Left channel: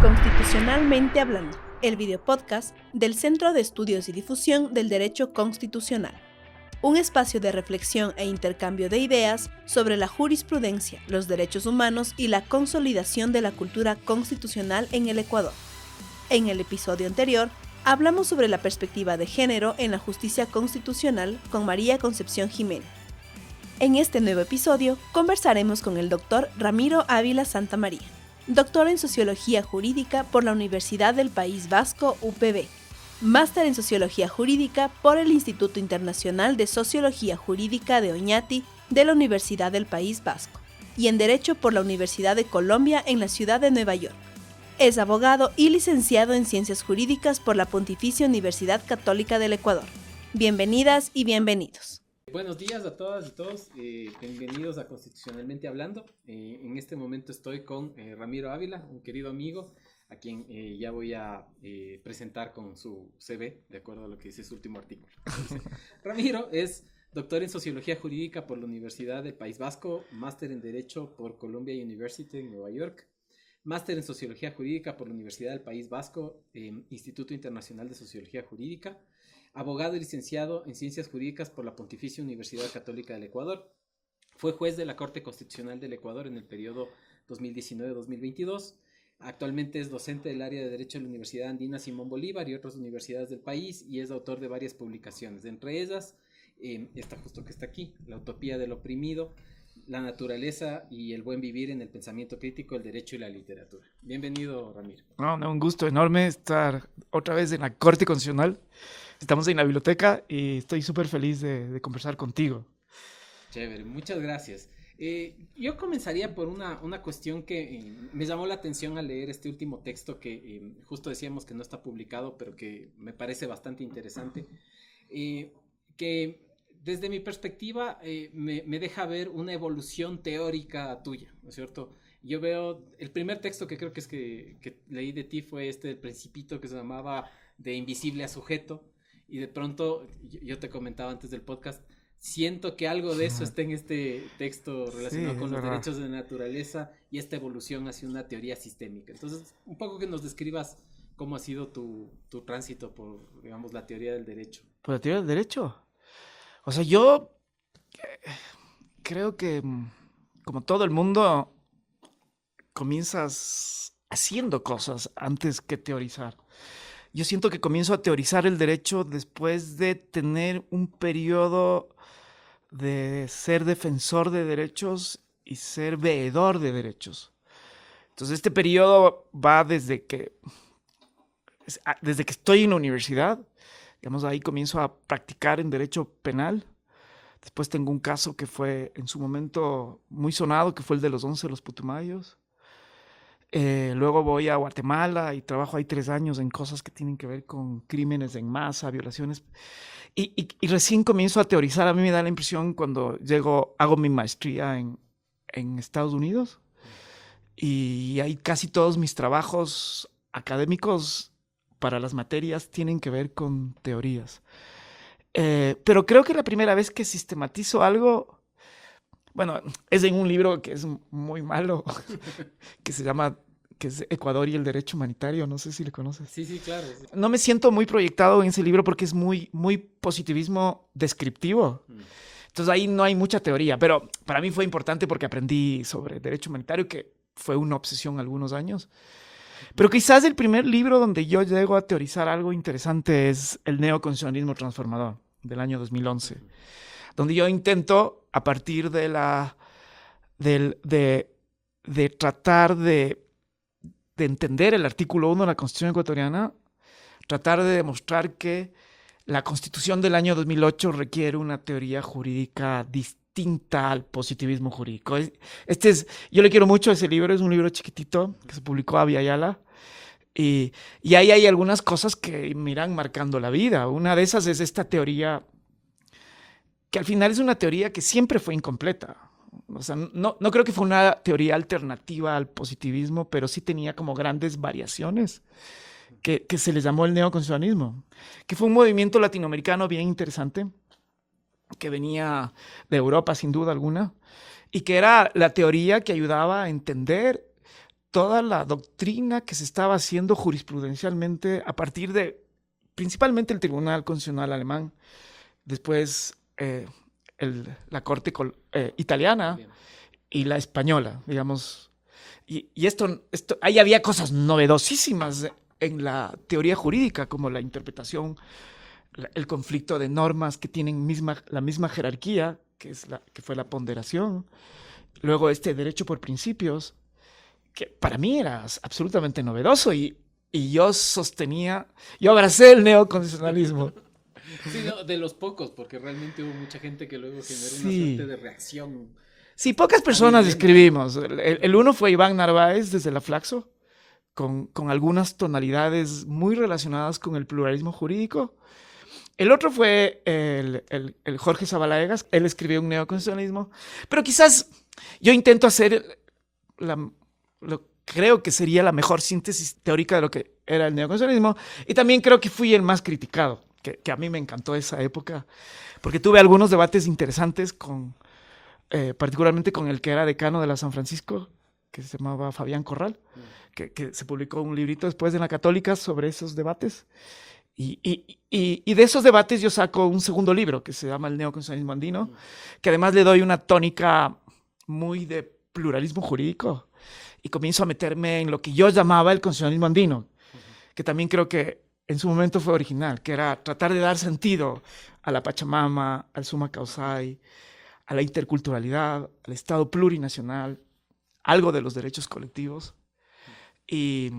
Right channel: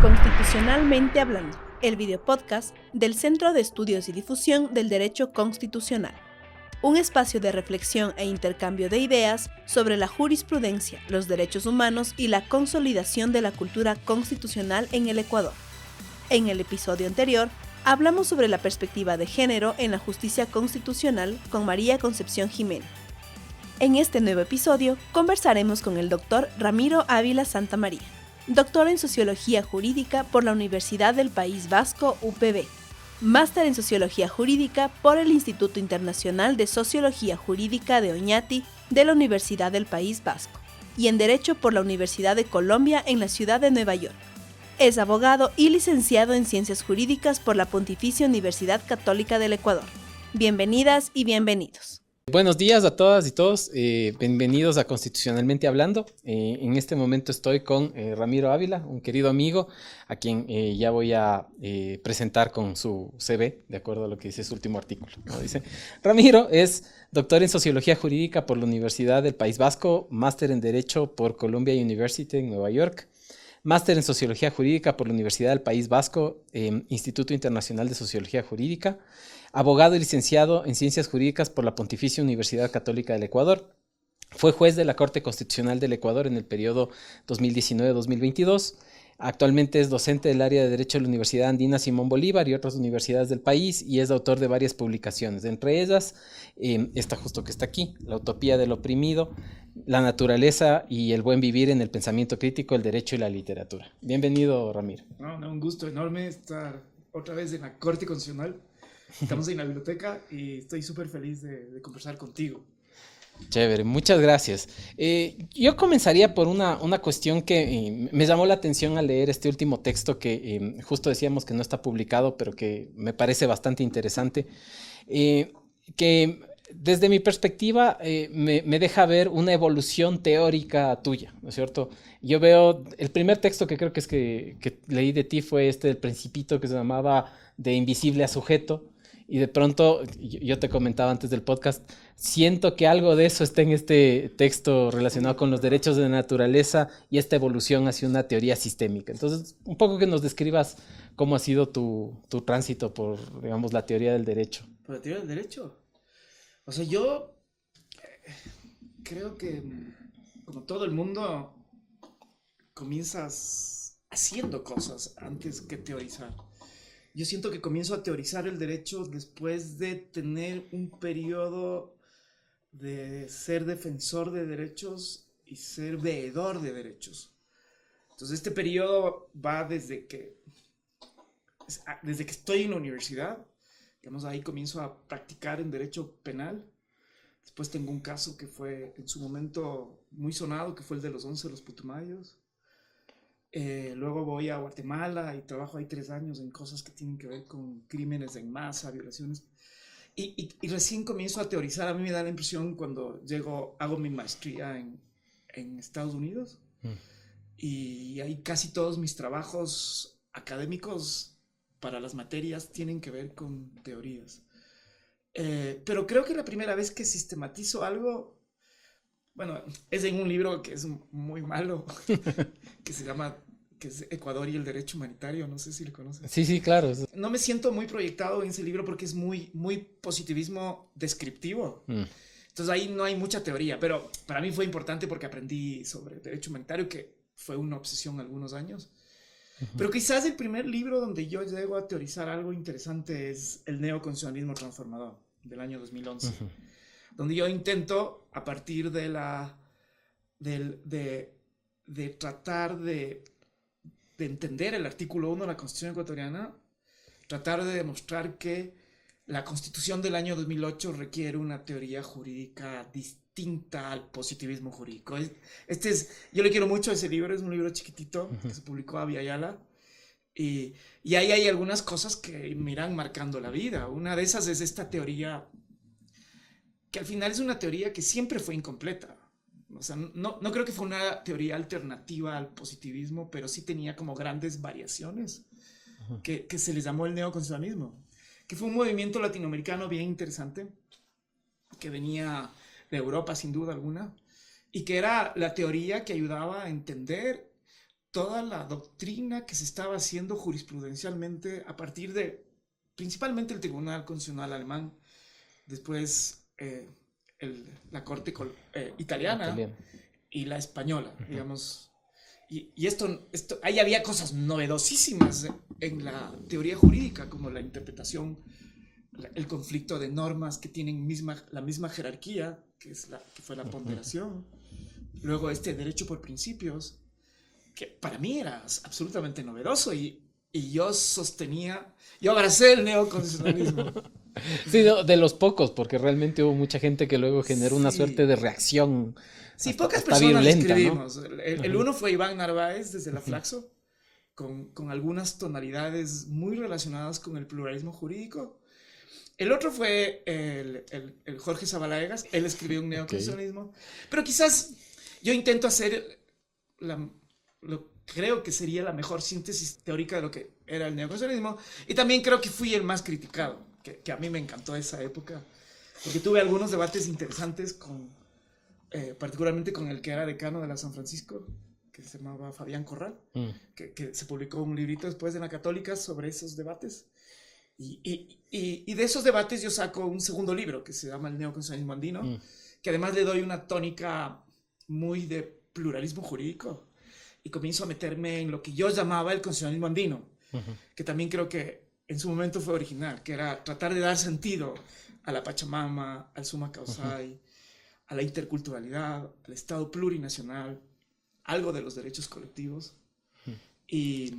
Constitucionalmente hablando, el videopodcast del Centro de Estudios y Difusión del Derecho Constitucional. Un espacio de reflexión e intercambio de ideas sobre la jurisprudencia, los derechos humanos y la consolidación de la cultura constitucional en el Ecuador. En el episodio anterior, hablamos sobre la perspectiva de género en la justicia constitucional con María Concepción Jimena. En este nuevo episodio, conversaremos con el doctor Ramiro Ávila Santamaría, doctor en Sociología Jurídica por la Universidad del País Vasco, UPV, máster en Sociología Jurídica por el Instituto Internacional de Sociología Jurídica de Oñati de la Universidad del País Vasco y en Derecho por la Universidad de Colombia en la ciudad de Nueva York. Es abogado y licenciado en Ciencias Jurídicas por la Pontificia Universidad Católica del Ecuador. Bienvenidas y bienvenidos. Buenos días a todas y todos, bienvenidos a Constitucionalmente Hablando. En este momento estoy con Ramiro Ávila, un querido amigo, a quien ya voy a presentar con su CV, de acuerdo a lo que dice su último artículo. Dice. Ramiro es doctor en Sociología Jurídica por la Universidad del País Vasco, máster en Derecho por Columbia University en Nueva York, máster en Sociología Jurídica por la Universidad del País Vasco, Instituto Internacional de Sociología Jurídica, abogado y licenciado en Ciencias Jurídicas por la Pontificia Universidad Católica del Ecuador. Fue juez de la Corte Constitucional del Ecuador en el periodo 2019-2022. Actualmente es docente del área de Derecho de la Universidad Andina Simón Bolívar y otras universidades del país y es autor de varias publicaciones. Entre ellas, esta justo que está aquí, La utopía del oprimido, la naturaleza y el buen vivir en el pensamiento crítico, el derecho y la literatura. Bienvenido, Ramiro. Un gusto enorme estar otra vez en la Corte Constitucional. Estamos en la biblioteca y estoy súper feliz de conversar contigo. Chévere, muchas gracias. Yo comenzaría por una cuestión que me llamó la atención al leer este último texto que justo decíamos que no está publicado, pero que me parece bastante interesante, que desde mi perspectiva me deja ver una evolución teórica tuya, ¿no es cierto? Yo veo, el primer texto que creo que es que leí de ti fue este del Principito que se llamaba De invisible a sujeto. Y de pronto, yo te comentaba antes del podcast, siento que algo de eso está en este texto relacionado con los derechos de la naturaleza y esta evolución hacia una teoría sistémica. Entonces, un poco que nos describas cómo ha sido tu tránsito por, digamos, la teoría del derecho. ¿Por la teoría del derecho? O sea, yo creo que, como todo el mundo, comienzas haciendo cosas antes que teorizar. Yo siento que comienzo a teorizar el derecho después de tener un periodo de ser defensor de derechos y ser veedor de derechos. Entonces, este periodo va desde que estoy en la universidad. Digamos, ahí comienzo a practicar en derecho penal. Después tengo un caso que fue en su momento muy sonado, que fue el de los 11 de los Putumayos. Luego voy a Guatemala y trabajo ahí 3 años en cosas que tienen que ver con crímenes en masa, violaciones. Y recién comienzo a teorizar. A mí me da la impresión cuando hago mi maestría en Estados Unidos. Y ahí casi todos mis trabajos académicos para las materias tienen que ver con teorías. Pero creo que la primera vez que sistematizo algo, bueno, es en un libro que es muy malo, que es Ecuador y el Derecho Humanitario, no sé si le conoces. Sí, claro. No me siento muy proyectado en ese libro porque es muy, muy positivismo descriptivo. Entonces ahí no hay mucha teoría, pero para mí fue importante porque aprendí sobre Derecho Humanitario, que fue una obsesión algunos años. Pero quizás el primer libro donde yo llego a teorizar algo interesante es El Neoconstitucionalismo Transformador, del año 2011. Donde yo intento, a partir de tratar de entender el artículo 1 de la Constitución ecuatoriana, tratar de demostrar que la Constitución del año 2008 requiere una teoría jurídica distinta al positivismo jurídico. Yo le quiero mucho a ese libro, es un libro chiquitito que se publicó a Viayala. Y ahí hay algunas cosas que me irán marcando la vida. Una de esas es esta teoría que al final es una teoría que siempre fue incompleta. O sea, no creo que fue una teoría alternativa al positivismo, pero sí tenía como grandes variaciones que se les llamó el neoconstitucionalismo, que fue un movimiento latinoamericano bien interesante, que venía de Europa sin duda alguna, y que era la teoría que ayudaba a entender toda la doctrina que se estaba haciendo jurisprudencialmente a partir de principalmente el Tribunal Constitucional alemán, después la Corte italiana y la española, digamos. Y esto, ahí había cosas novedosísimas en la teoría jurídica, como la interpretación, el conflicto de normas que tienen la misma jerarquía, que fue la ponderación. Luego derecho por principios, que para mí era absolutamente novedoso y yo abracé el neoconstitucionalismo. Sí, no, de los pocos, porque realmente hubo mucha gente que luego generó una suerte de reacción. Sí, pocas personas le escribimos. ¿No? El uno fue Iván Narváez desde la Flaxo, con algunas tonalidades muy relacionadas con el pluralismo jurídico. El otro fue el Jorge Zabalaegas, él escribió un neoconstitucionalismo, pero quizás yo intento hacer creo que sería la mejor síntesis teórica de lo que era el neoconstitucionalismo, y también creo que fui el más criticado, que a mí me encantó esa época, porque tuve algunos debates interesantes particularmente con el que era decano de la San Francisco, que se llamaba Fabián Corral, que se publicó un librito después de la Católica sobre esos debates. Y de esos debates yo saco un segundo libro que se llama El neoconstitucionalismo andino, que además le doy una tónica muy de pluralismo jurídico y comienzo a meterme en lo que yo llamaba el constitucionalismo andino, que también creo que en su momento fue original, que era tratar de dar sentido a la Pachamama, al Summa Causai, a la interculturalidad, al Estado plurinacional, algo de los derechos colectivos. Y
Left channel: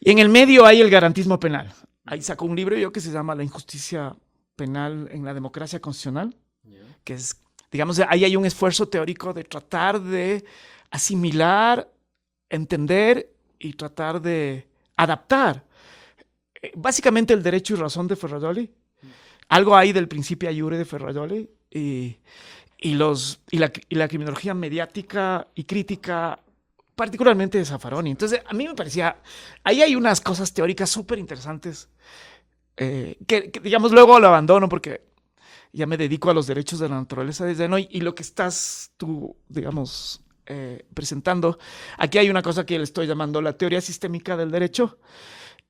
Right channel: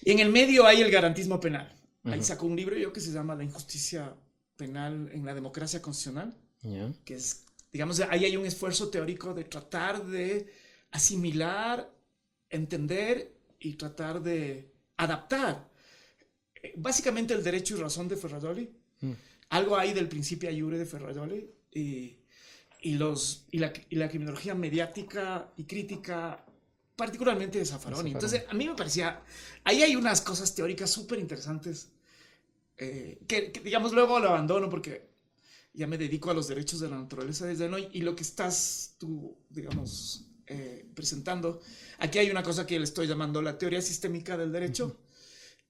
en el medio hay el garantismo penal. Ahí sacó un libro yo que se llama La injusticia penal en la democracia constitucional, que es, digamos, ahí hay un esfuerzo teórico de tratar de asimilar, entender y tratar de adaptar básicamente el derecho y razón de Ferrajoli. Algo ahí del principio iure de Ferrajoli y la criminología mediática y crítica, particularmente de Zaffaroni. Entonces, a mí me parecía, ahí hay unas cosas teóricas súper interesantes que, digamos, luego lo abandono porque ya me dedico a los derechos de la naturaleza desde hoy, y lo que estás tú, digamos, presentando, aquí hay una cosa que le estoy llamando la teoría sistémica del derecho,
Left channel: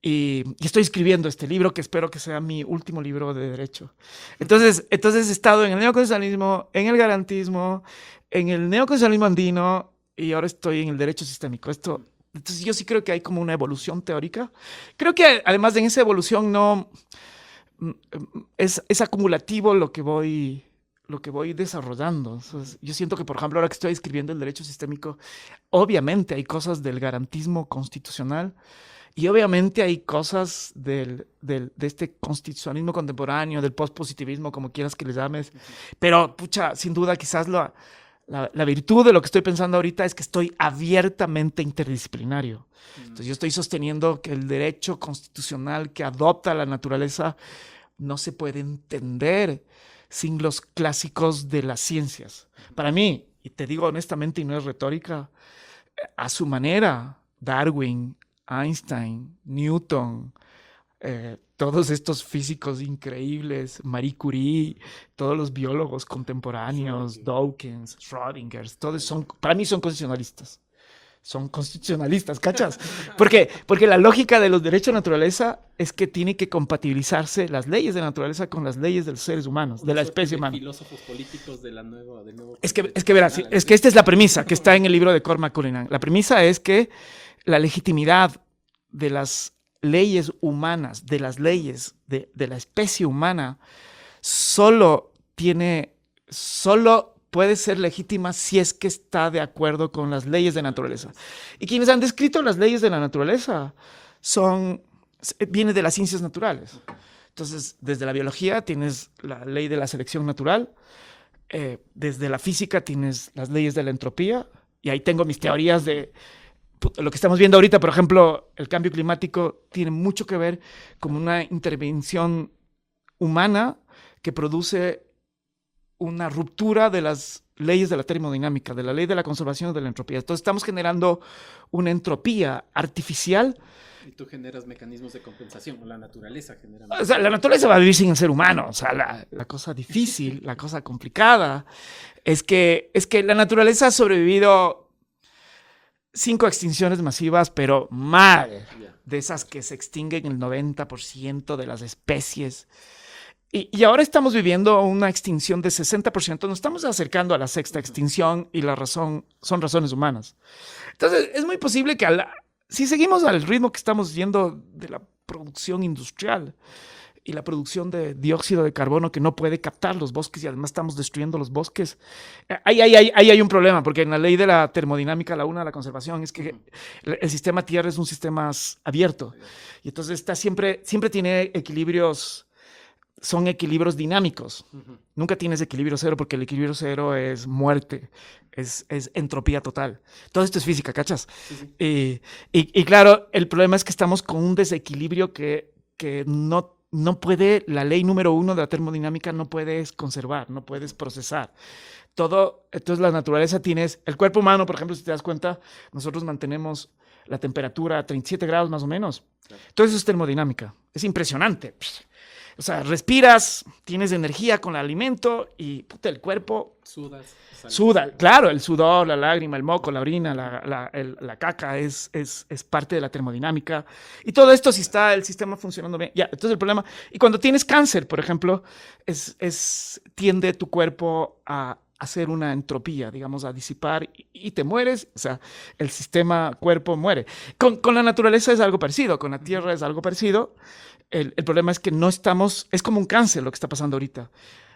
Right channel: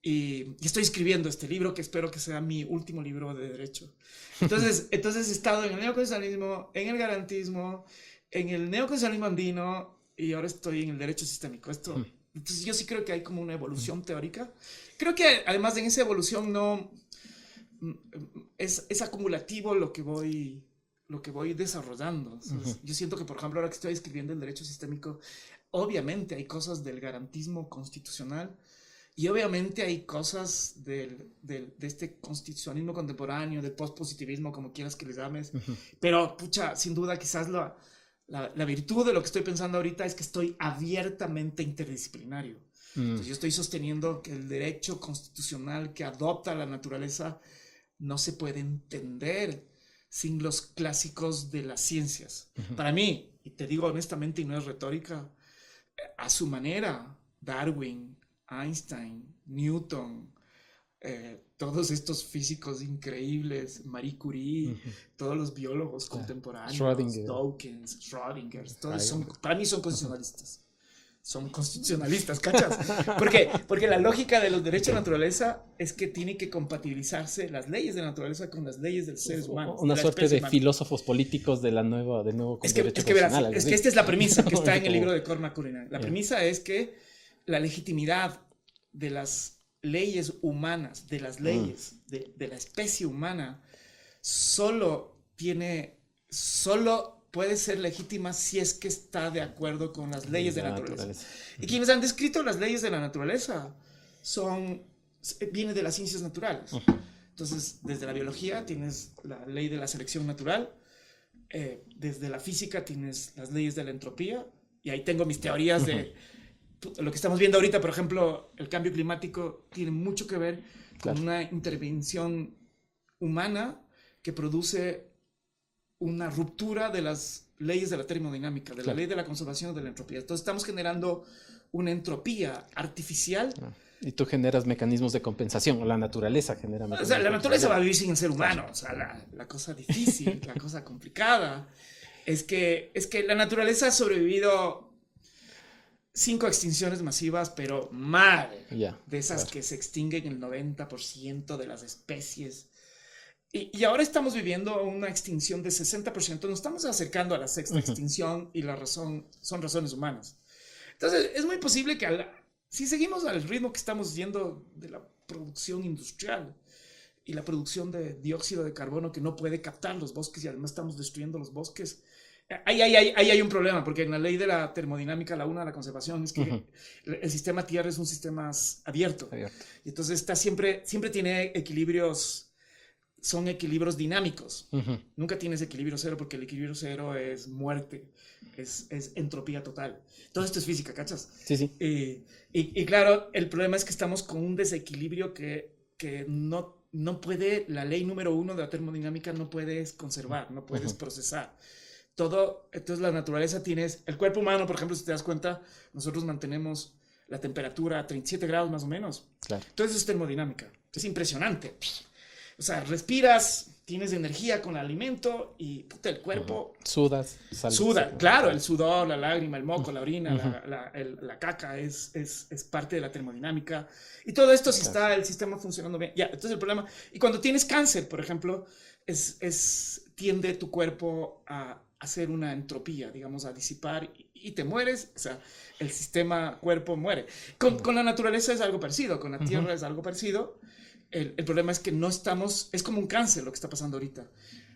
y estoy escribiendo este libro que espero que sea mi último libro de derecho. Entonces he estado en el neoconstitucionalismo, en el garantismo, en el neoconstitucionalismo andino, y ahora estoy en el derecho sistémico. Entonces yo sí creo que hay como una evolución teórica. Creo que además de en esa evolución no es acumulativo lo que voy desarrollando. Entonces, yo siento que, por ejemplo, ahora que estoy escribiendo el derecho sistémico, obviamente hay cosas del garantismo constitucional y obviamente hay cosas de este constitucionalismo contemporáneo, del postpositivismo, como quieras que le llames. Pero, pucha, sin duda, quizás la virtud de lo que estoy pensando ahorita es que estoy abiertamente interdisciplinario. Entonces, yo estoy sosteniendo que el derecho constitucional que adopta la naturaleza no se puede entender sin los clásicos de las ciencias. Para mí, y te digo honestamente y no es retórica, a su manera, Darwin, Einstein, Newton, todos estos físicos increíbles, Marie Curie, todos los biólogos contemporáneos, Dawkins, Schrödinger, todos para mí son constitucionalistas. Son constitucionalistas, ¿cachas? Porque la lógica de los derechos de naturaleza es que tiene que compatibilizarse las leyes de la naturaleza con las leyes de los seres humanos, una de la especie humana. Filósofos políticos del nuevo es que verás, es que esta es la premisa que está en el libro de Cormac Cullinan. La premisa es que la legitimidad de las leyes humanas, de las leyes de la especie humana, solo puede ser legítima si es que está de acuerdo con las leyes de naturaleza. Y quienes han descrito las leyes de la naturaleza viene de las ciencias naturales. Entonces, desde la biología tienes la ley de la selección natural, desde la física tienes las leyes de la entropía, y ahí tengo mis teorías de lo que estamos viendo ahorita. Por ejemplo, el cambio climático tiene mucho que ver con una intervención humana que produce una ruptura de las leyes de la termodinámica, de la ley de la conservación de la entropía. Entonces estamos generando una entropía artificial. Y tú generas mecanismos de compensación, o la naturaleza genera. O sea, la naturaleza va a vivir sin el ser humano. O sea, la cosa difícil, la cosa complicada, es que la naturaleza ha sobrevivido 5 extinciones masivas, pero mal. De esas claro. que se extinguen el 90% de las especies. Y ahora estamos viviendo una extinción de 60%. Nos estamos acercando a la sexta extinción y la razón son razones humanas. Entonces, es muy posible que si seguimos al ritmo que estamos yendo de la producción industrial y la producción de dióxido de carbono que no puede captar los bosques y además estamos destruyendo los bosques, ahí hay un problema, porque en la ley de la termodinámica, la una de la conservación, es que el sistema Tierra es un sistema abierto. Y entonces siempre tiene equilibrios. Son equilibrios dinámicos. Nunca tienes equilibrio cero, porque el equilibrio cero es muerte, es entropía total. Todo esto es física, ¿cachas? Sí. Y claro, el problema es que estamos con un desequilibrio que no puede, la ley número 1 de la termodinámica no puedes conservar, no puedes procesar. Entonces la naturaleza tienes, el cuerpo humano, por ejemplo, si te das cuenta, nosotros mantenemos la temperatura a 37 grados más o menos. Claro. Todo eso es termodinámica. Es impresionante. O sea, respiras, tienes energía con el alimento y el cuerpo... Suda. Claro, el sudor, la lágrima, el moco, la orina, la caca es parte de la termodinámica. Y todo esto si está el sistema funcionando bien. Entonces el problema... Y cuando tienes cáncer, por ejemplo, tiende tu cuerpo a hacer una entropía, digamos, a disipar y te mueres. O sea, el sistema cuerpo muere. Con la naturaleza es algo parecido, con la Tierra es algo parecido. El problema es que no estamos, es como un cáncer lo que está pasando ahorita.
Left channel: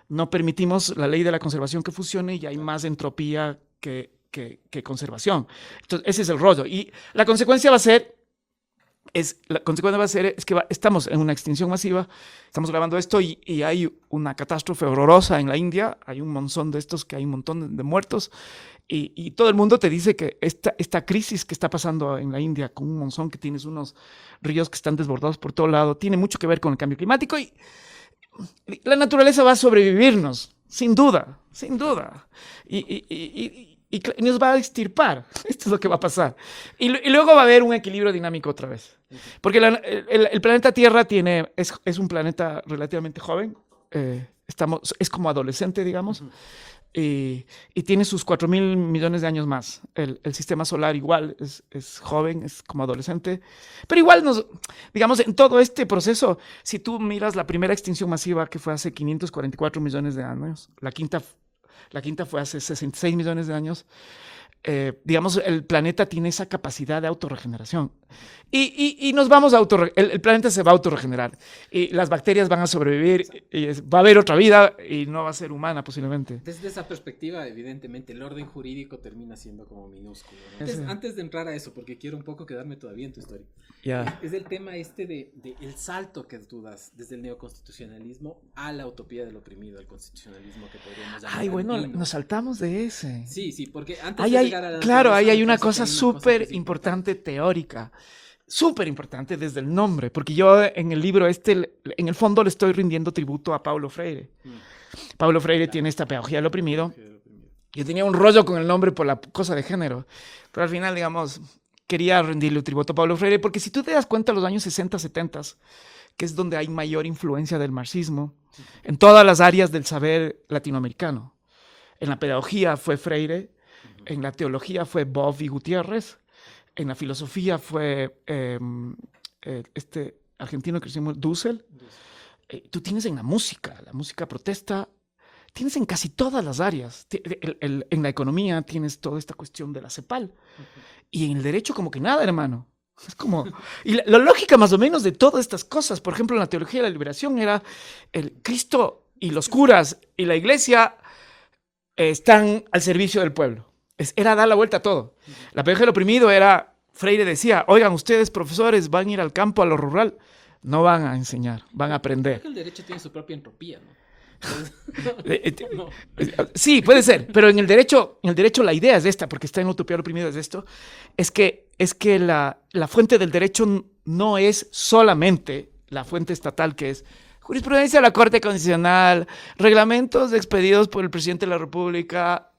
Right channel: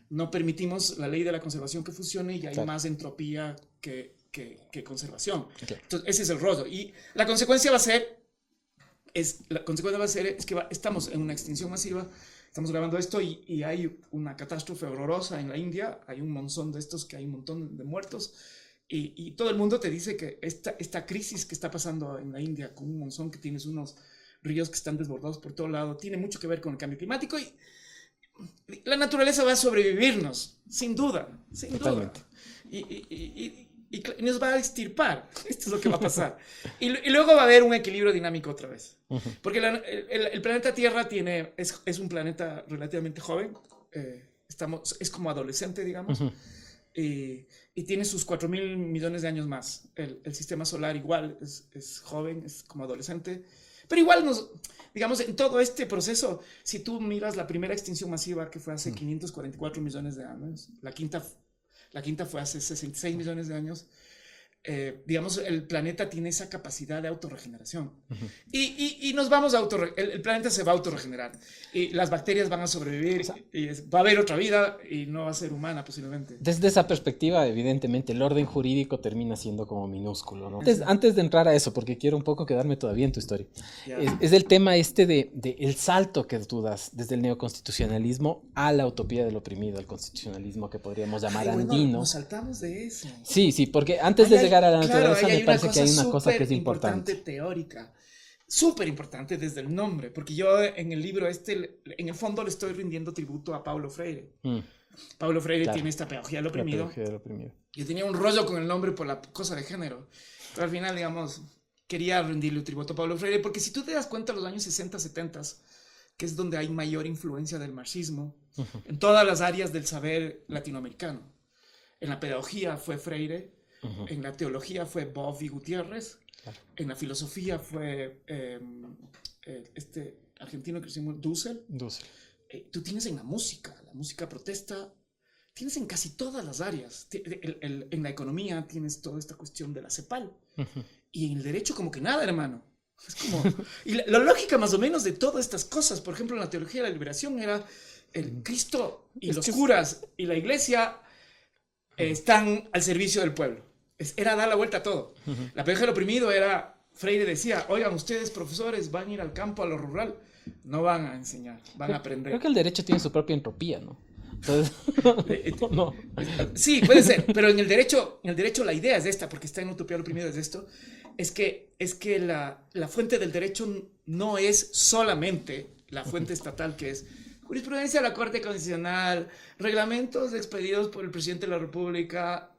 No permitimos la ley de la conservación que funcione y hay más entropía que conservación. Entonces, ese es el rollo. Y la consecuencia va a ser que estamos en una extinción masiva. Estamos grabando esto y hay una catástrofe horrorosa en la India. Hay un monzón de estos que hay un montón de muertos. Y todo el mundo te dice que esta crisis que está pasando en la India con un monzón que tienes unos ríos que están desbordados por todo lado, tiene mucho que ver con el cambio climático y la naturaleza va a sobrevivirnos, sin duda. Y nos va a extirpar. Esto es lo que va a pasar. Y luego va a haber un equilibrio dinámico otra vez. Porque el planeta Tierra es un planeta relativamente joven. Es como adolescente, digamos. Y tiene sus 4.000 millones de años más. El sistema solar igual es joven, es como adolescente. Pero igual digamos, en todo este proceso, si tú miras la primera extinción masiva que fue hace 544 millones de años, la quinta fue hace 66 millones de años, digamos, el planeta tiene esa capacidad de autorregeneración. Y nos vamos el planeta se va a autorregenerar. Y las bacterias van a sobrevivir. Y va a haber otra vida y no va a ser humana posiblemente. Desde esa perspectiva, evidentemente, el orden jurídico termina siendo como minúsculo, ¿no? Antes de entrar a eso, porque quiero un poco quedarme todavía en tu historia, es el tema de el salto que tú das desde el neoconstitucionalismo a la utopía del oprimido, al constitucionalismo que podríamos llamar andino. Nos saltamos de ese. Sí, porque antes de llegar a la claro, ahí hay una cosa súper importante teórica. Súper importante desde el nombre, porque yo en el libro en el fondo le estoy rindiendo tributo a Paulo Freire. Paulo Freire tiene esta pedagogía del oprimido. Yo tenía un rollo con el nombre por la cosa de género, pero al final, digamos, quería rendirle tributo a Paulo Freire, porque si tú te das cuenta, los años 60, 70, que es donde hay mayor influencia del marxismo, en todas las áreas del saber latinoamericano. En la pedagogía fue Freire, en la teología fue Boff y Gutiérrez, en la filosofía fue este argentino que se llama Dussel. Tú tienes en la música protesta, tienes en casi todas las áreas. En la economía tienes toda esta cuestión de la CEPAL. Y en el derecho como que nada, hermano. Es como... Y la lógica más o menos de todas estas cosas, por ejemplo, en la teología de la liberación era el Cristo y los curas y la iglesia están al servicio del pueblo. Era dar la vuelta a todo. La pedagogía del oprimido era, Freire decía, oigan, ustedes profesores van a ir al campo, a lo rural, no van a enseñar, van a aprender. Creo que el derecho tiene su propia entropía, ¿no? No. Sí, puede ser, pero en el derecho la idea es esta, porque está en Utopía del oprimido, es esto, es que la fuente del derecho no es solamente la fuente estatal, que es jurisprudencia de la Corte Constitucional, reglamentos expedidos por el presidente de la República,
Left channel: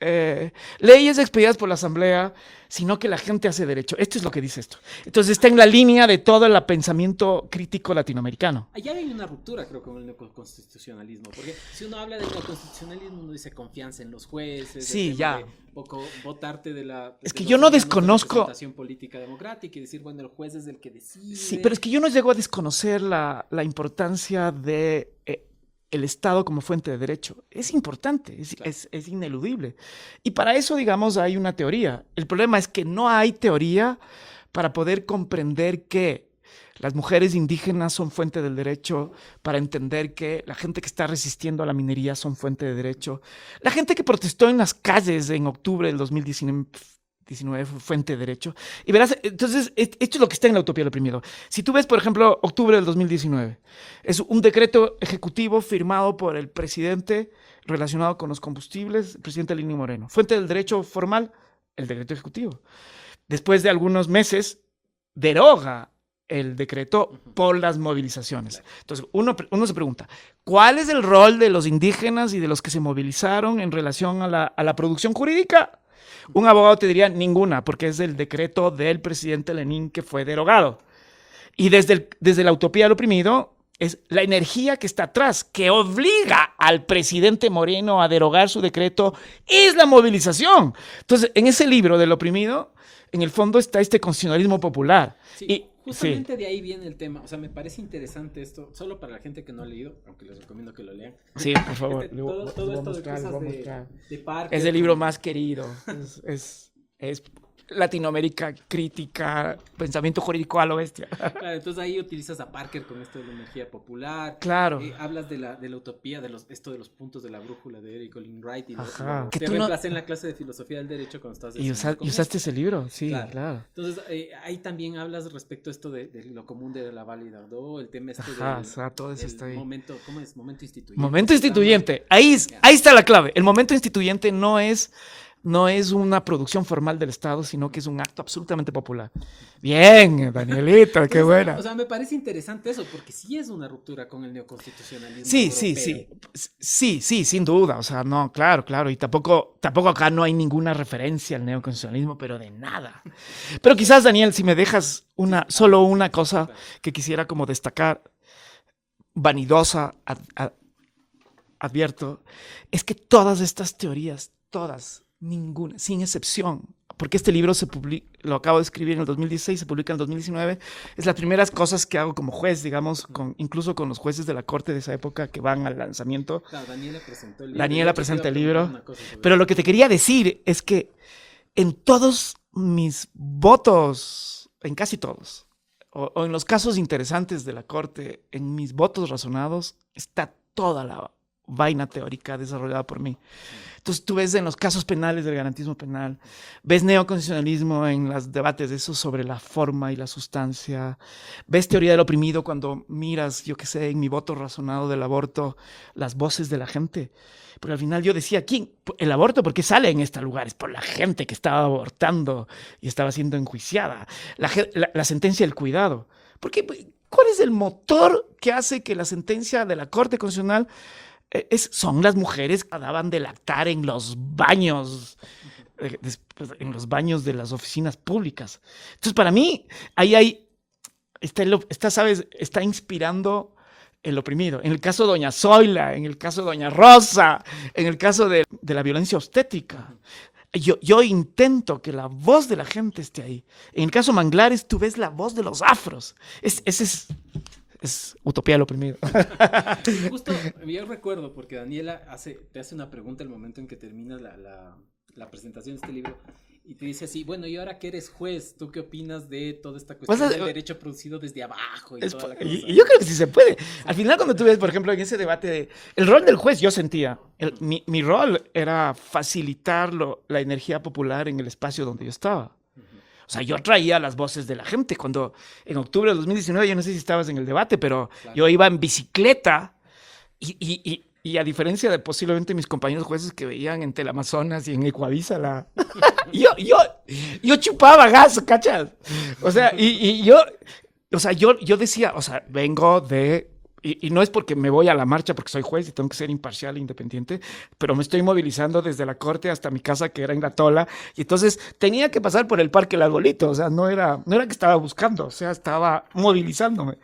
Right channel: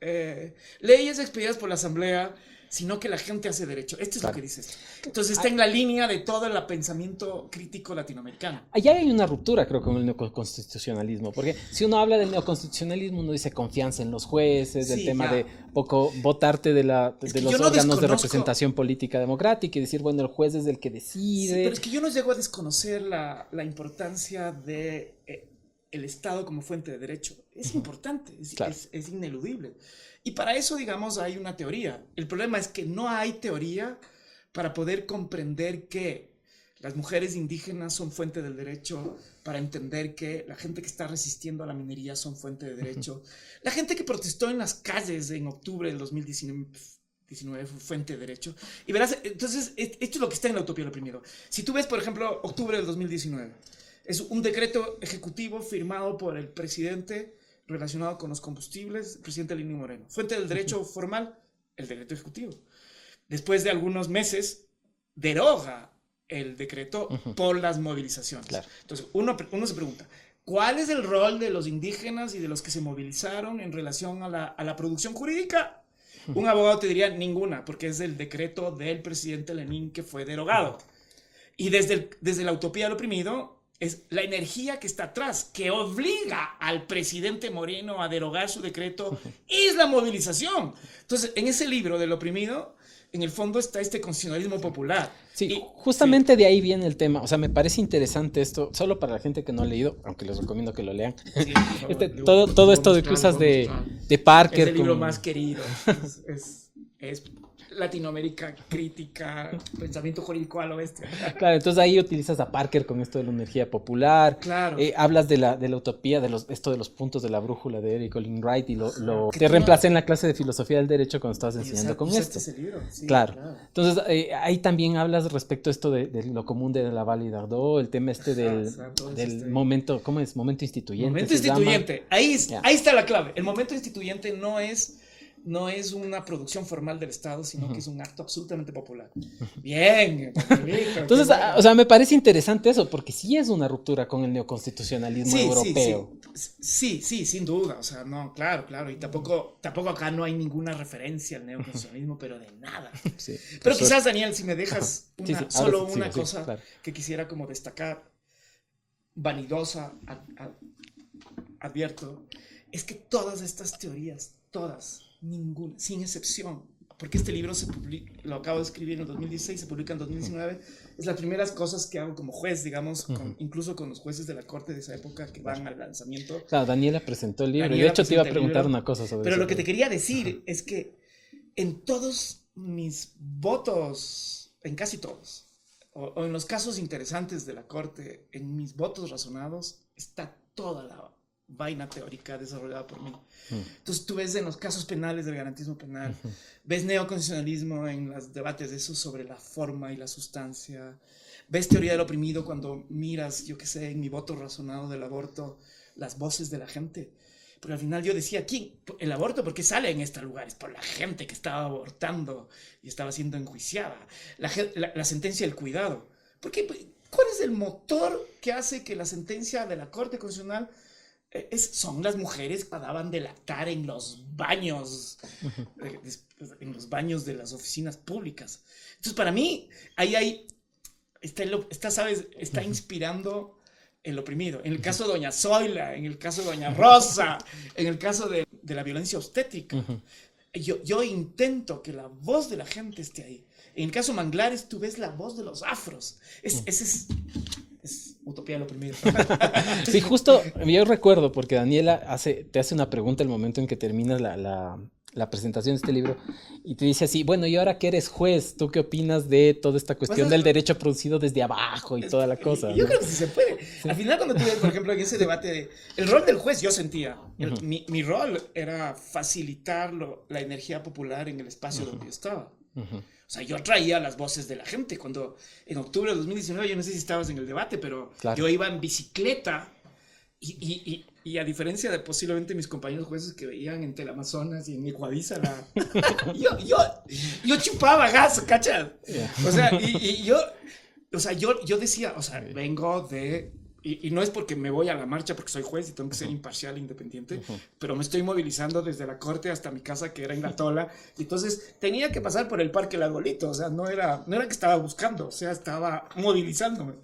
leyes expedidas por la Asamblea, sino que la gente hace derecho. Esto es lo que dice esto. Entonces está en la línea de todo el pensamiento crítico latinoamericano. Allá hay una ruptura, creo, con el neoconstitucionalismo, porque si uno habla del neoconstitucionalismo, uno dice confianza en los jueces, Sí, el tema ya. de poco votarte de Es que los yo no órganos de desconozco- representación política democrática y decir, bueno, el juez es el que decide. Sí, pero es que yo no llego a desconocer la importancia de el Estado como fuente de derecho. Es importante, Claro. es ineludible. Y para eso, digamos, hay una teoría. El problema es que no hay teoría para poder comprender que las mujeres indígenas son fuente del derecho, para entender que la gente que está resistiendo a la minería son fuente de derecho. La gente que protestó en las calles en octubre del 2019 fue fuente de derecho. Y verás, entonces, esto es lo que está en la utopía del oprimido. Si tú ves, por ejemplo, octubre del 2019, es un decreto ejecutivo firmado por el presidente relacionado con los combustibles, el presidente Lenín Moreno. Fuente del derecho formal, el decreto ejecutivo. Después de algunos meses, deroga el decreto por las movilizaciones. Claro. Entonces, uno se pregunta, ¿cuál es el rol de los indígenas y de los que se movilizaron en relación a la producción jurídica? Un abogado te diría ninguna, porque es el decreto del presidente Lenin que fue derogado. Y desde la utopía del oprimido es la energía que está atrás, que obliga al presidente Moreno a derogar su decreto, es la movilización. Entonces, en ese libro del oprimido, en el fondo está este constitucionalismo popular. Sí, Y- justamente de ahí viene el tema. O sea, me parece interesante esto, solo para la gente que no ha leído, aunque les recomiendo que lo lean. Sí, por favor. Todo esto de que usas de Parker. Es el libro como- más querido. Es Latinoamérica crítica, pensamiento jurídico a lo bestia. Claro, entonces ahí utilizas a Parker con esto de la energía popular. Claro. Hablas de la utopía, esto de los puntos de la brújula de Eric Olin Wright y Que te tú reemplacé en la clase de filosofía del derecho cuando estabas Y enseñando con usaste esto. ese libro, sí, Claro. claro. Entonces, ahí también hablas respecto a esto de lo común de la Valle d'Ardó, el tema este Ajá, o sea, todo eso del está ahí. momento, ¿cómo es? Momento instituyente. Momento se llama. instituyente. Ya. Ahí está la clave. El momento instituyente no es una producción formal del Estado, sino que es un acto absolutamente popular. Bien, Danielito, qué Entonces, bueno. o sea, me parece interesante eso, porque sí es una ruptura con el neoconstitucionalismo Sí, europeo. sí, sin duda. O sea, no, claro. Y tampoco acá no hay ninguna referencia al neoconstitucionalismo, pero de nada. Sí. Pero quizás, Daniel, si me dejas solo ahora sí, una sí, cosa claro. que quisiera como destacar, vanidosa, advierto, es que todas estas teorías, ninguna, sin excepción, porque este libro lo acabo de escribir en el 2016, se publica en el 2019, es las primeras cosas que hago como juez, digamos, incluso con los jueces de la corte de esa época que van al lanzamiento. Claro, Daniela presentó el libro. Daniela De hecho, te iba a presenta el preguntar libro. una cosa sobre Pero eso. lo que te quería decir es que en todos mis votos, en casi todos, o en los casos interesantes de la corte, en mis votos razonados, está toda la vaina teórica desarrollada por mí. Entonces tú ves en los casos penales del garantismo penal, ves neoconstitucionalismo en los debates de eso sobre la forma y la sustancia, ves teoría del oprimido cuando miras, yo qué sé, en mi voto razonado del aborto, las voces de la gente. Porque al final yo decía, ¿quién? El aborto, ¿por qué sale en este lugar? Es por la gente que estaba abortando y estaba siendo enjuiciada. La sentencia del cuidado. ¿Por qué? ¿Cuál es el motor que hace que la sentencia de la Corte Constitucional son las mujeres que daban de lactar en los baños, en los baños de las oficinas públicas? Entonces, para mí, ahí está inspirando el oprimido. En el caso de doña Zoila, en el caso de doña Rosa, en el caso de la violencia obstétrica. Yo intento que la voz de la gente esté ahí. En el caso Manglares, tú ves la voz de los afros. Ese es utopía del oprimido. Y justo yo recuerdo, porque Daniela te hace una pregunta al momento en que terminas la presentación de este libro y te dice así, bueno, y ahora que eres juez, ¿tú qué opinas de toda esta cuestión del derecho producido desde abajo y toda la cosa? Y yo creo que sí se puede. Al final, cuando tú ves, por ejemplo, en ese debate, el rol del juez, yo sentía, mi rol era facilitar la energía popular en el espacio donde yo estaba. O sea, yo traía las voces de la gente. Cuando en octubre de 2019, yo no sé si estabas en el debate, pero claro, yo iba en bicicleta y a diferencia de posiblemente mis compañeros jueces que veían en Teleamazonas y en Ecuavisa, yo chupaba gas, ¿cachas? O sea, yo decía, o sea, vengo de y no es porque me voy a la marcha porque soy juez y tengo que ser imparcial e independiente, pero me estoy movilizando desde la corte hasta mi casa, que era en La Tola, y entonces tenía que pasar por el Parque El Arbolito, o sea, no era que estaba buscando, o sea, estaba movilizándome.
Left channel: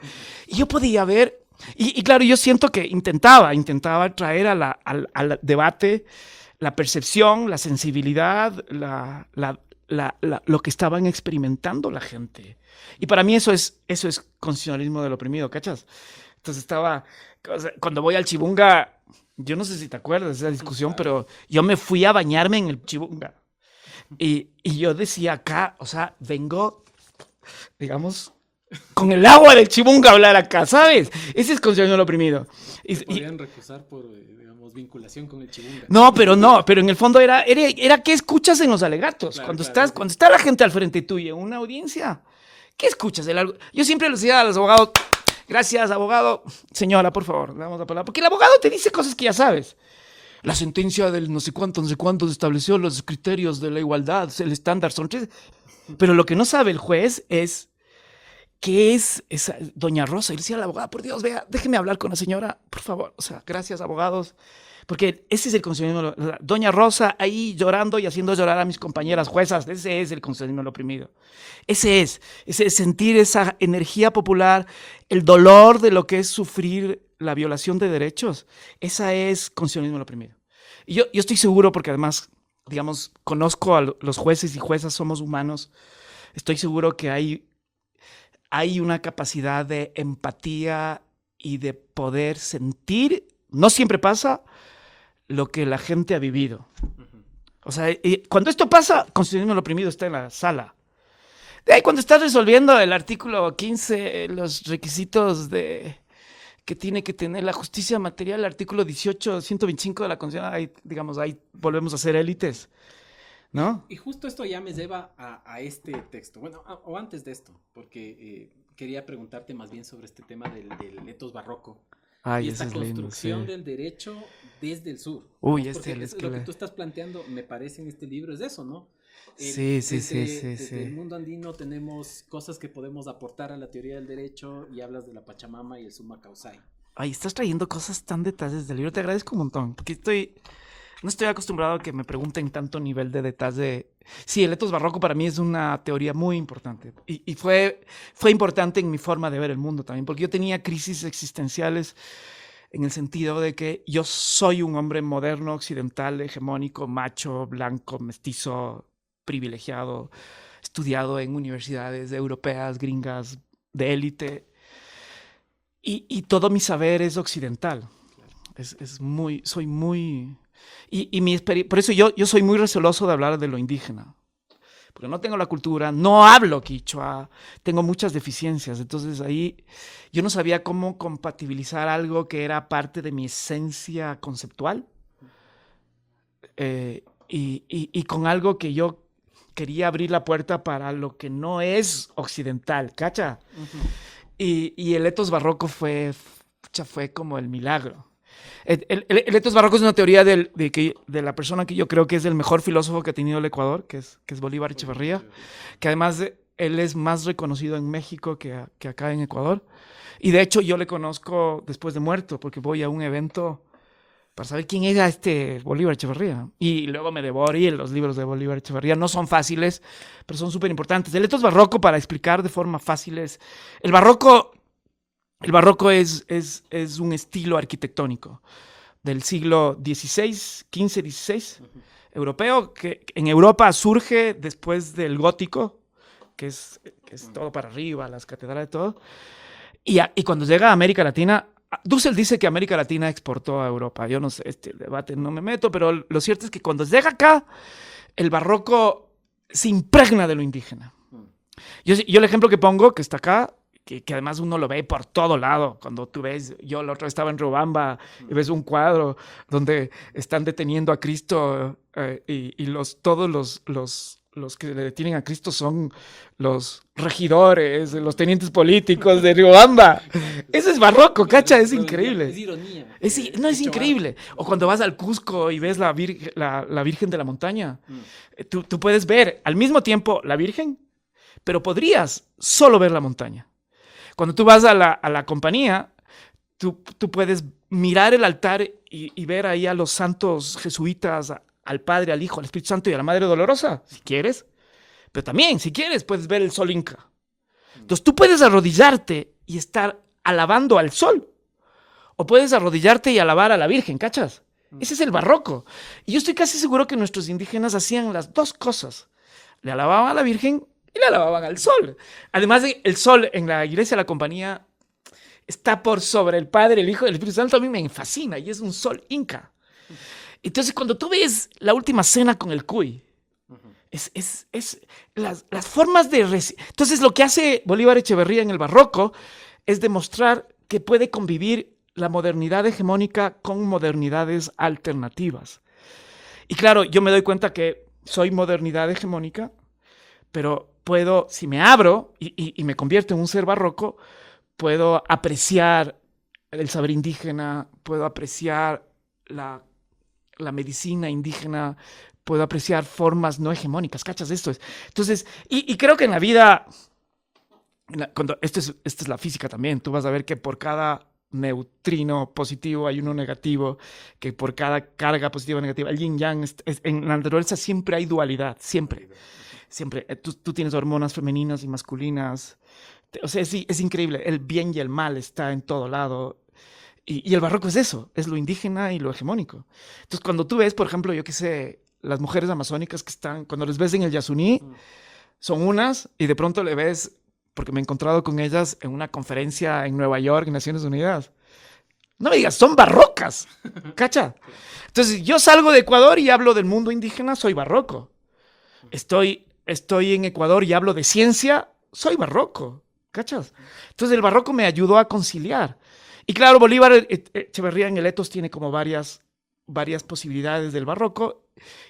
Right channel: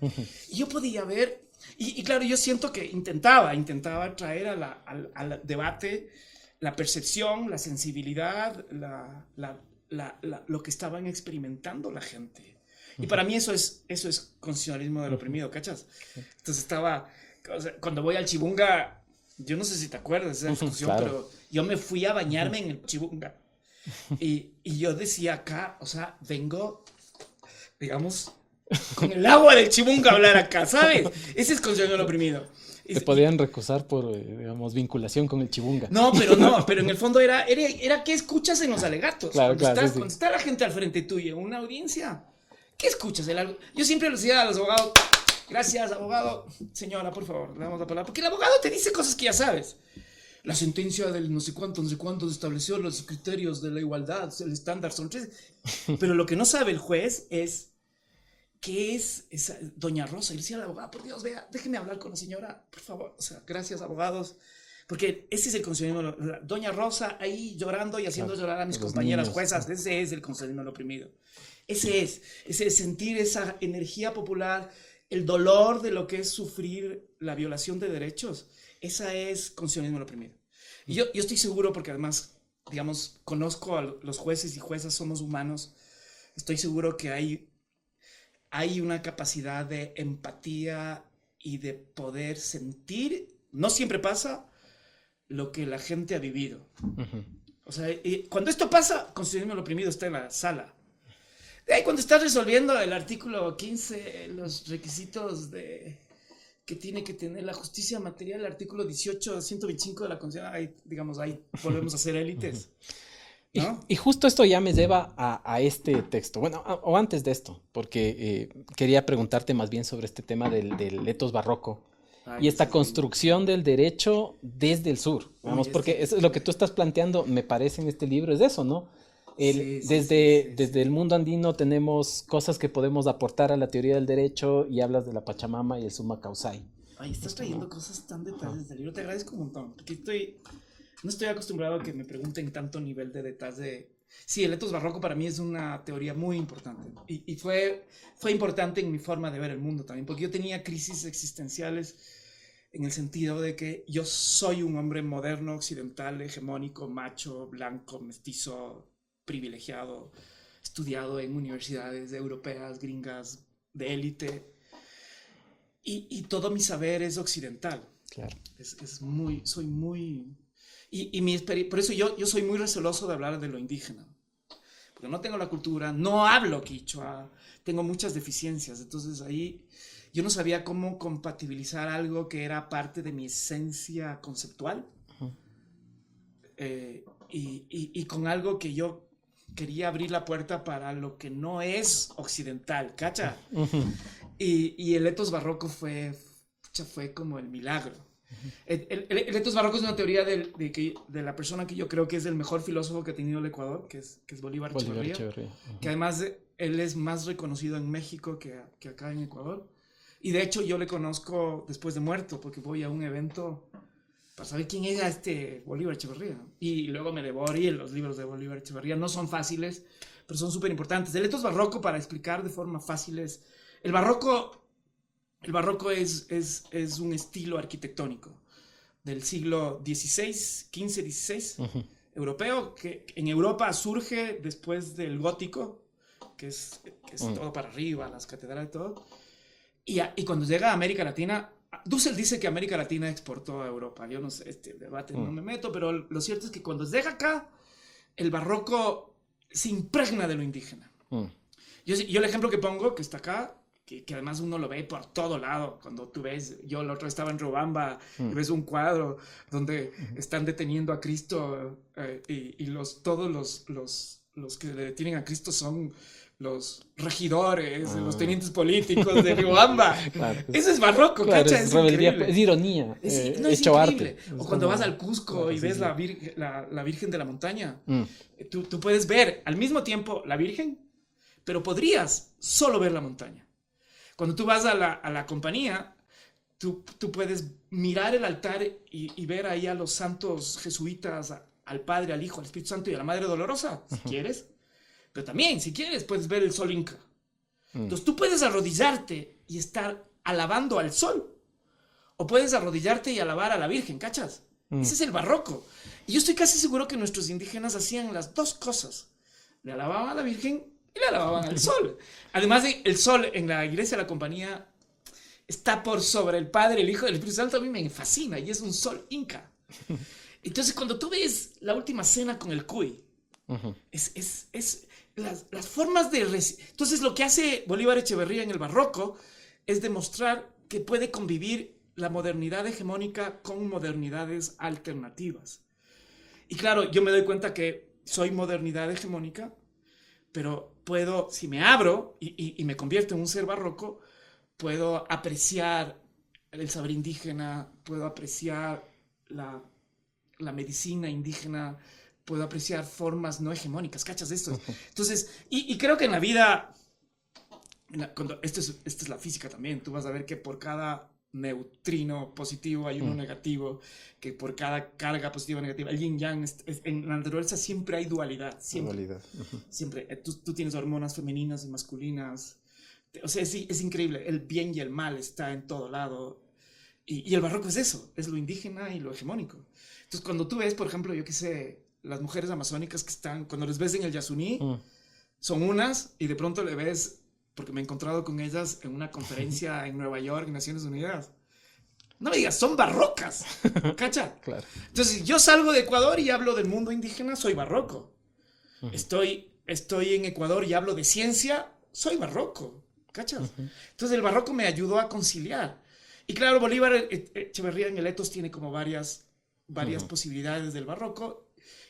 Y yo podía ver, y claro, yo siento que intentaba traer al debate la percepción, la sensibilidad, lo que estaban experimentando la gente. Y para mí eso es constitucionalismo del oprimido, ¿cachas? Entonces cuando voy al Chibunga, yo no sé si te acuerdas de esa discusión, Claro. pero yo me fui a bañarme en el Chibunga. Y yo decía acá, o sea, vengo, digamos, con el agua del Chibunga a hablar acá, ¿sabes? Ese es constitucionalismo del oprimido. Te podían recusar por, digamos, vinculación con el Chibunga. No, pero en el fondo era qué escuchas en los alegatos. Claro, Cuando sí. está la gente al frente tuyo en una audiencia, ¿qué escuchas? Yo siempre les decía a los abogados, gracias, abogado. Señora, por favor, le damos la palabra. Porque el abogado te dice cosas que ya sabes. La sentencia del no sé cuántos estableció los criterios de la igualdad, el estándar son 3. Pero lo que no sabe el juez es qué es esa doña Rosa. Y le decía a la abogada, por Dios, vea, déjeme hablar con la señora, por favor. O sea, gracias, abogados. Porque ese es el constitucionalismo. Doña Rosa ahí llorando y haciendo llorar a mis compañeras juezas. Ese es el constitucionalismo del oprimido. Ese es sentir esa energía popular, el dolor de lo que es sufrir la violación de derechos. Esa es constitucionalismo del oprimido. Y yo estoy seguro, porque además, digamos, conozco a los jueces y juezas, somos humanos. Estoy seguro que hay una capacidad de empatía y de poder sentir, no siempre pasa, lo que la gente ha vivido. O sea, cuando esto pasa, constitucionalismo del oprimido está en la sala. De ahí cuando estás resolviendo el artículo 15, los requisitos que tiene que tener la justicia material, el artículo 18, 125 de la Constitución, ahí, digamos, ahí volvemos a ser élites. ¿No? Y justo esto ya me lleva a este texto. Bueno, o antes de esto, porque quería preguntarte más bien sobre este tema del etos barroco. Y esta construcción del derecho desde el sur. Porque es lo que tú estás planteando, me parece, en este libro, es eso, ¿no? Desde el mundo andino tenemos cosas que podemos aportar a la teoría del derecho, y hablas de la Pachamama y el Summa Causai. Ay, estás trayendo cosas tan detalles del libro, te agradezco un montón, porque no estoy acostumbrado a que me pregunten tanto nivel de detalle. Sí, el etos barroco para mí es una teoría muy importante, y fue importante en mi forma de ver el mundo también, porque yo tenía crisis existenciales en el sentido de que yo soy un hombre moderno, occidental, hegemónico, macho, blanco, mestizo, privilegiado, estudiado en universidades europeas, gringas, de élite, y todo mi saber es occidental. Claro. Soy muy... por eso yo soy muy receloso de hablar de lo indígena, porque no tengo la cultura, no hablo quichua, tengo muchas deficiencias. Entonces ahí yo no sabía cómo compatibilizar algo que era parte de mi esencia conceptual y con algo que yo quería abrir la puerta para lo que no es occidental, ¿cacha? Y el etos barroco fue como el milagro. El etos barroco es una teoría de la persona que yo creo que es el mejor filósofo que ha tenido el Ecuador, que es Bolívar Echeverría, que además él es más reconocido en México que acá en Ecuador. Y de hecho yo le conozco después de muerto, porque voy a un evento para saber quién era este Bolívar Echeverría. Y luego me devoré los libros de Bolívar Echeverría. No son fáciles, pero son súper importantes. El etos barroco, para explicar de forma fácil, es... El barroco es un estilo arquitectónico del siglo XVI, XV, XVI, europeo, que en Europa surge después del gótico, que es todo para arriba, las catedrales y todo. Y cuando llega a América Latina, Dussel dice que América Latina exportó a Europa. Yo no sé, este debate no me meto, pero lo cierto es que cuando llega acá, el barroco se impregna de lo indígena. Yo el ejemplo que pongo, que está acá, que además uno lo ve por todo lado. Cuando tú ves, yo la otra vez estaba en Riobamba y ves un cuadro donde están deteniendo a Cristo y todos los que detienen a Cristo son los regidores, los tenientes políticos de Riobamba. Claro, eso es barroco, claro, ¿cacha? Es increíble. Es ironía. Es increíble. Arte. O cuando vas al Cusco y ves la Virgen de la Montaña, tú puedes ver al mismo tiempo la Virgen, pero podrías solo ver la montaña. Cuando tú vas a la compañía, tú puedes mirar el altar y ver ahí a los santos jesuitas, al Padre, al Hijo, al Espíritu Santo y a la Madre Dolorosa, si quieres. Pero también, si quieres, puedes ver el sol inca. Entonces tú puedes arrodillarte y estar alabando al sol. O puedes arrodillarte y alabar a la Virgen, ¿cachas? Ese es el barroco. Y yo estoy casi seguro que nuestros indígenas hacían las dos cosas. Le alababan a la Virgen y le alababan al sol. Además, el sol en la iglesia de la Compañía está por sobre el Padre, el Hijo y el Espíritu Santo. A mí me fascina y es un sol inca. Entonces, cuando tú ves la última cena con el cuy, es las formas de... Entonces, lo que hace Bolívar Echeverría en el barroco es demostrar que puede convivir la modernidad hegemónica con modernidades alternativas. Y claro, yo me doy cuenta que soy modernidad hegemónica, pero puedo, si me abro y me convierto en un ser barroco, puedo apreciar el saber indígena, puedo apreciar la medicina indígena, puedo apreciar formas no hegemónicas, ¿cachas esto? Entonces, y creo que en la vida, esta es la física también, tú vas a ver que por cada neutrino positivo hay uno negativo, que por cada carga positiva o negativa, el yin yang, en la naturaleza siempre hay dualidad, siempre. Siempre. Tú tienes hormonas femeninas y masculinas, o sea, es increíble, el bien y el mal está en todo lado. Y el barroco es eso, es lo indígena y lo hegemónico. Entonces, cuando tú ves, por ejemplo, yo qué sé, las mujeres amazónicas que están, cuando les ves en el Yasuní, son unas, y de pronto le ves, porque me he encontrado con ellas en una conferencia en Nueva York, en Naciones Unidas. No me digas, son barrocas, ¿cacha? Claro. Entonces, yo salgo de Ecuador y hablo del mundo indígena, soy barroco. Estoy en Ecuador y hablo de ciencia, soy barroco, ¿cachas? Entonces, el barroco me ayudó a conciliar. Y claro, Bolívar Echeverría en el etos tiene como varias posibilidades del barroco,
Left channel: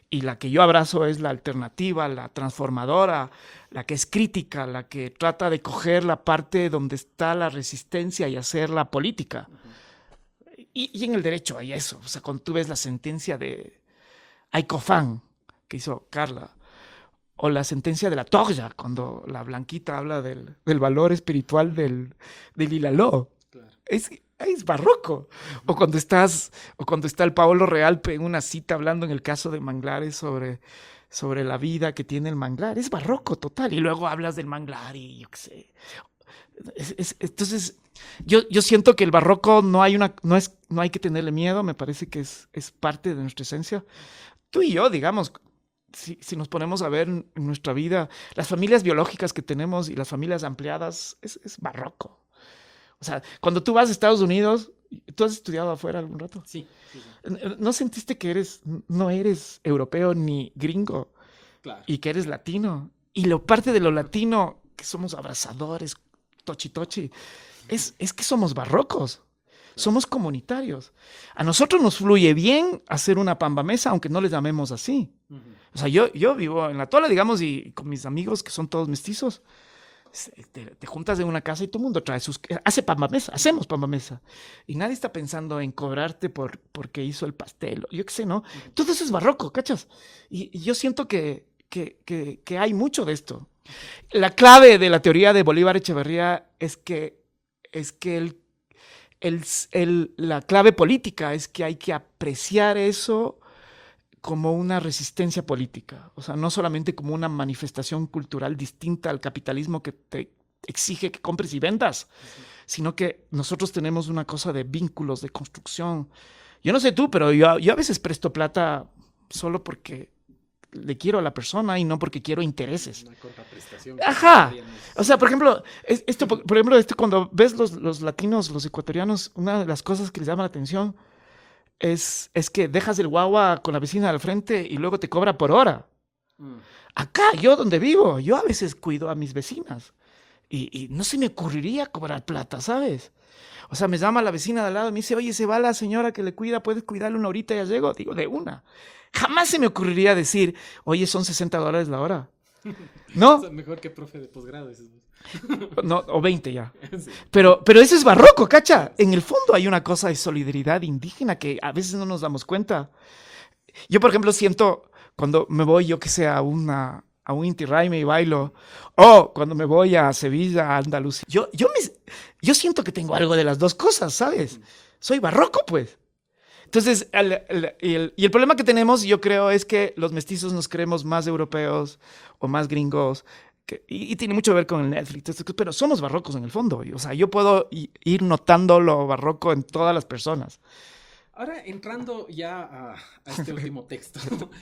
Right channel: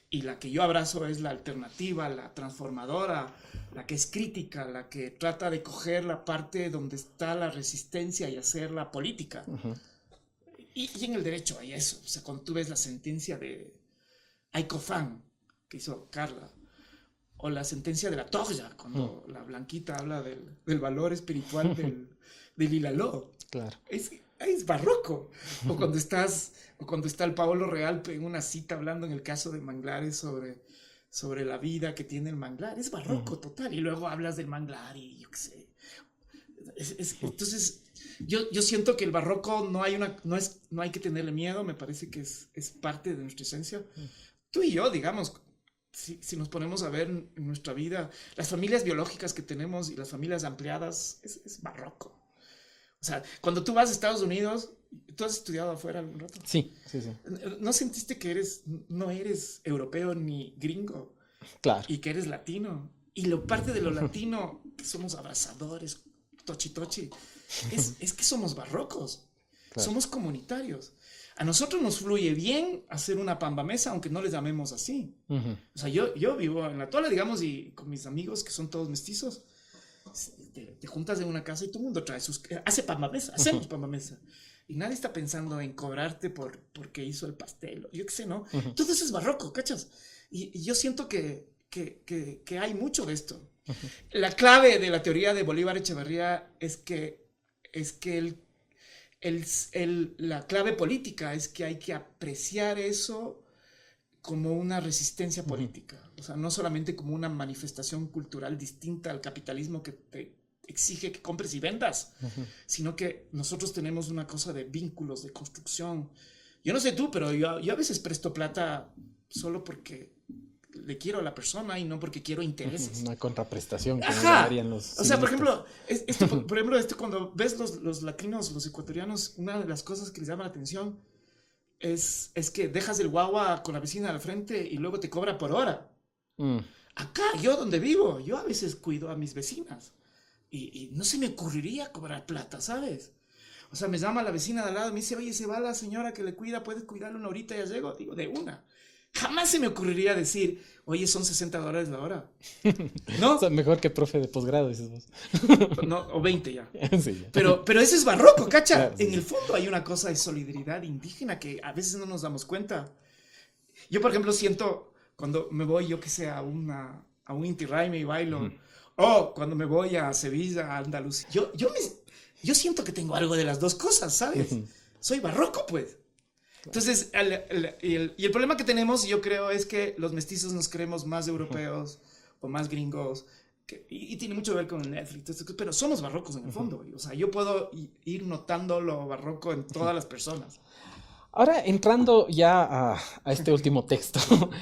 y la que yo abrazo es la alternativa, la transformadora, la que es crítica, la que trata de coger la parte donde está la resistencia y hacerla política. Y en el derecho hay eso. O sea, cuando tú ves la sentencia de Aicofán, que hizo Carla, o la sentencia de la Torja, cuando la Blanquita habla del valor espiritual del Ilaló. Claro. Es barroco. O cuando está el Paolo Realpe en una cita hablando en el caso de manglares sobre la vida que tiene el manglar. Es barroco total. Y luego hablas del manglar y yo qué sé. Entonces, yo siento que el barroco no hay que tenerle miedo. Me parece que es parte de nuestra esencia. Tú y yo, digamos, si nos ponemos a ver en nuestra vida, las familias biológicas que tenemos y las familias ampliadas, es barroco. O sea, cuando tú vas a Estados Unidos, ¿tú has estudiado afuera algún rato? Sí. ¿No sentiste que no eres europeo ni gringo? Claro. Y que eres latino. Y parte de lo latino, que somos abrazadores, tochi, es que somos barrocos. Claro. Somos comunitarios. A nosotros nos fluye bien hacer una pambamesa, aunque no les llamemos así. O sea, yo vivo en la Tola, digamos, y con mis amigos, que son todos mestizos, te juntas en una casa y todo el mundo hace pambamesa, hacemos pambamesa. Y nadie está pensando en cobrarte porque hizo el pastel. Yo qué sé, ¿no? Todo eso es barroco, ¿cachas? Y yo siento que hay mucho de esto. La clave de la teoría de Bolívar Echeverría es que la clave política es que hay que apreciar eso como una resistencia política, o sea, no solamente como una manifestación cultural distinta al capitalismo que te exige que compres y vendas, sino que nosotros tenemos una cosa de vínculos, de construcción. Yo no sé tú, pero yo a veces presto plata solo porque le quiero a la persona y no porque quiero intereses. Una contraprestación. Ajá. O sea, por ejemplo, cuando ves los latinos, los ecuatorianos, una de las cosas que les llama la atención es que dejas el guagua con la vecina al frente y luego te cobra por hora. Acá, yo donde vivo, yo a veces cuido a mis vecinas y no se me ocurriría cobrar plata, ¿sabes? O sea, me llama la vecina de al lado y me dice, oye, se va la señora que le cuida, ¿puedes cuidarle una horita y ya llego? Digo, de una. Jamás se me ocurriría decir, oye, son $60 la hora. ¿No? O sea, mejor que profe de posgrado, dices vos. No, o 20 ya. Sí. Pero eso es barroco, ¿cacha? Claro, sí. En el fondo hay una cosa de solidaridad indígena que a veces no nos damos cuenta. Yo, por ejemplo, siento cuando me voy, yo que sé, a un Inti Raymi y bailo, o cuando me voy a Sevilla, a Andalucía. yo siento que tengo algo de las dos cosas, ¿sabes? Soy barroco, pues. Entonces, y el problema que tenemos, yo creo, es que los mestizos nos creemos más europeos o más gringos, y tiene mucho que ver con el Netflix, pero somos barrocos en el fondo. O sea, yo puedo ir notando lo barroco en todas las personas. Ahora, entrando ya a este último texto,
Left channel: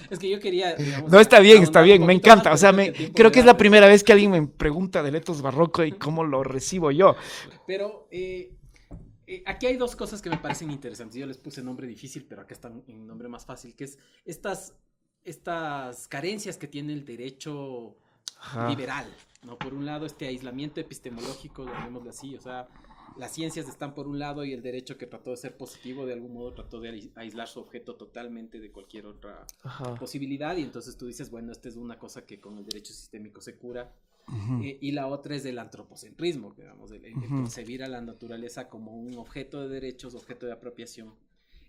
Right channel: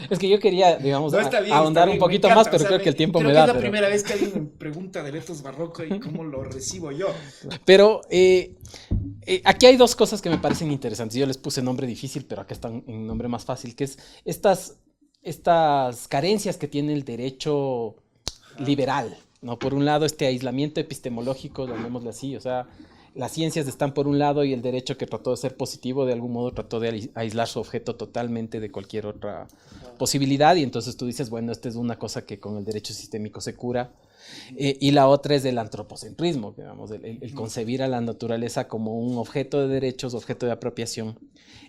es que yo quería, digamos... No, está bien, me encanta. Más, o sea, creo que es la primera vez que alguien me pregunta pregunta del etos barroco y cómo lo recibo yo. Pero aquí hay dos cosas que me parecen interesantes. Yo les puse nombre difícil, pero acá están en nombre más fácil, que es estas carencias que tiene el derecho liberal, ¿no? Por un lado, este aislamiento epistemológico, llamémosle así, o sea, las ciencias están por un lado y el derecho, que trató de ser positivo, de algún modo trató de aislar su objeto totalmente de cualquier otra posibilidad, y entonces tú dices, bueno, esta es una cosa que con el derecho sistémico se cura. Y la otra es el antropocentrismo, digamos, el concebir a la naturaleza como un objeto de derechos, objeto de apropiación,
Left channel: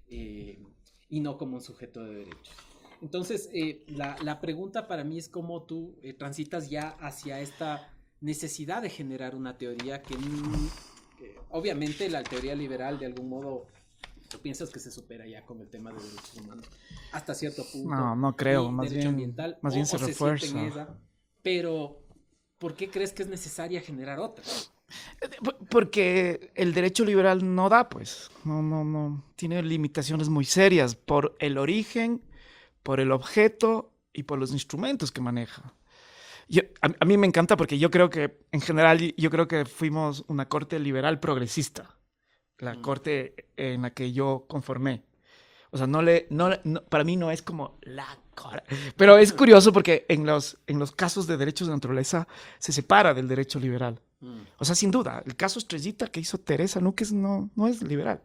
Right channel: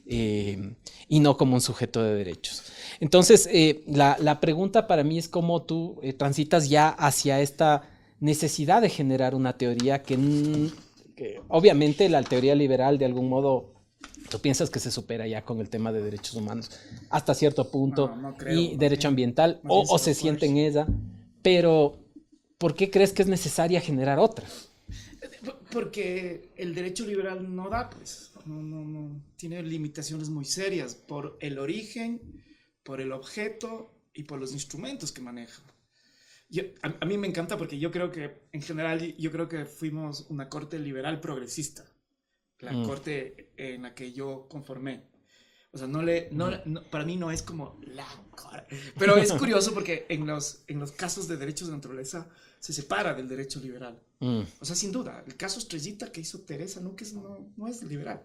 y no como un sujeto de derechos. Entonces, la pregunta para mí es cómo tú transitas ya hacia esta necesidad de generar una teoría que obviamente la teoría liberal de algún modo... ¿Tú piensas que se supera ya con el tema de derechos humanos hasta cierto punto? No creo. Y derecho ambiental, o se siente en ella, pero ¿por qué crees que es necesaria generar otra? Porque el derecho liberal no da, pues. No. Tiene limitaciones muy serias por el origen, por el objeto y por los instrumentos que maneja. A mí me encanta porque yo creo que, en general, yo creo que fuimos una corte liberal progresista. La corte en la que yo conformé. O sea, para mí no es como la corte. Pero es curioso porque en los casos de derechos de naturaleza se separa del derecho liberal. O sea, sin duda, el caso Estrellita que hizo Teresa Núquez no es liberal.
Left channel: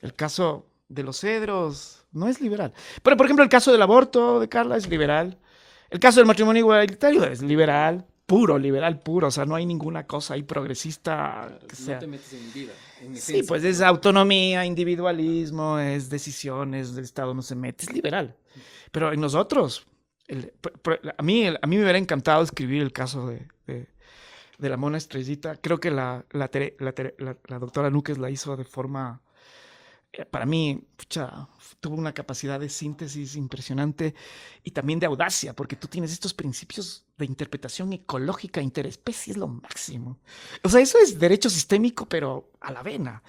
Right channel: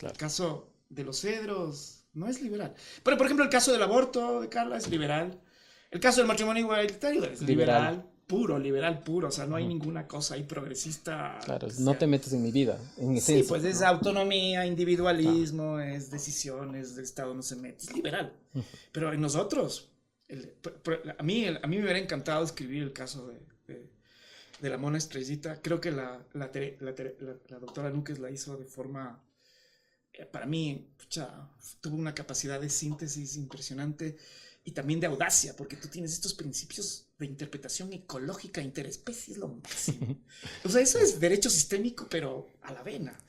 El caso de los cedros no es liberal. Pero, por ejemplo, el caso del aborto de Carla es liberal. El caso del matrimonio igualitario es liberal. Liberal puro, o sea, no hay ninguna cosa ahí progresista. Claro, no te metes en mi vida, en esencia. Sí, pues es autonomía, individualismo, es decisiones, el Estado no se mete, es liberal. Pero en nosotros, a mí me hubiera encantado escribir el caso de la Mona Estrellita. Creo que la doctora Núquez la hizo de forma, para mí, tuvo una capacidad de síntesis impresionante y también de audacia, porque tú tienes estos principios de interpretación ecológica interespecie, es lo máximo. O sea, eso es derecho sistémico, pero a la vena.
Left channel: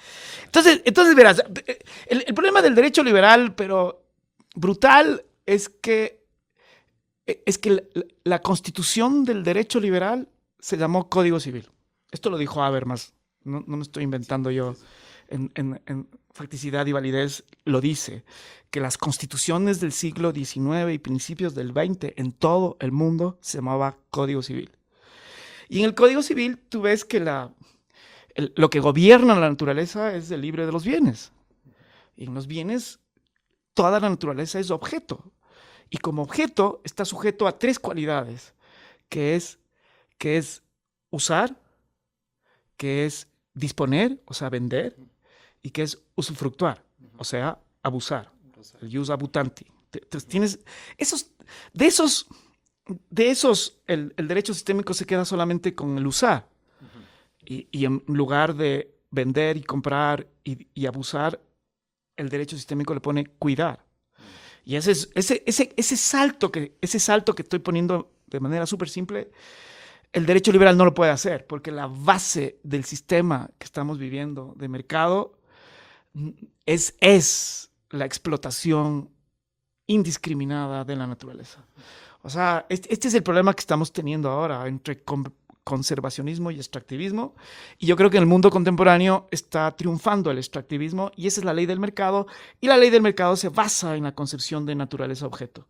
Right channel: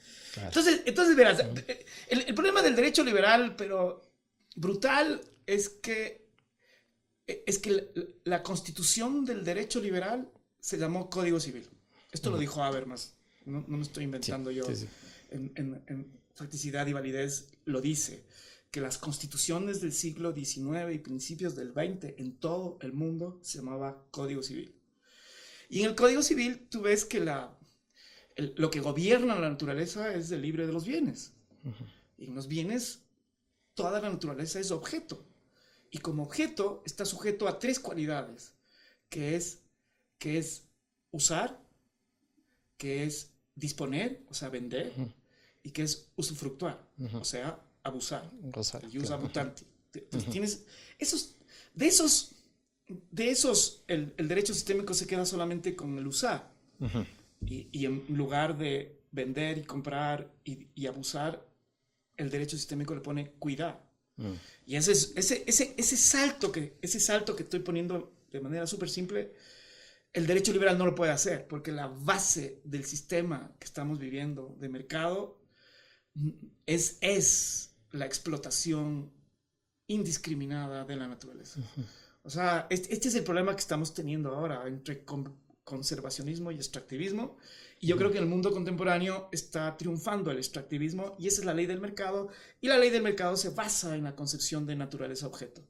Claro. Entonces verás, el problema del derecho liberal, pero brutal, es que la constitución del derecho liberal se llamó Código Civil. Esto lo dijo Habermas, no me estoy inventando yo. Sí. En facticidad y validez lo dice, que las constituciones del siglo XIX y principios del XX en todo el mundo se llamaba Código Civil. Y en el Código Civil tú ves que lo que gobierna la naturaleza es el libre de los bienes. Y en los bienes toda la naturaleza es objeto. Y como objeto está sujeto a tres cualidades, que es usar, que es disponer, o sea, vender, y que es usufructuar, o sea, abusar, el jus abutandi. Entonces tienes de esos el derecho sistémico se queda solamente con el usar. Y en lugar de vender y comprar y abusar, el derecho sistémico le pone cuidar. Y ese salto que estoy poniendo de manera súper simple, el derecho liberal no lo puede hacer, porque la base del sistema que estamos viviendo de mercado es la explotación indiscriminada de la naturaleza. O sea, este es el problema que estamos teniendo ahora entre conservacionismo y extractivismo, y yo creo que en el mundo contemporáneo está triunfando el extractivismo, y esa es la ley del mercado, y la ley del mercado se basa en la concepción de naturaleza-objeto.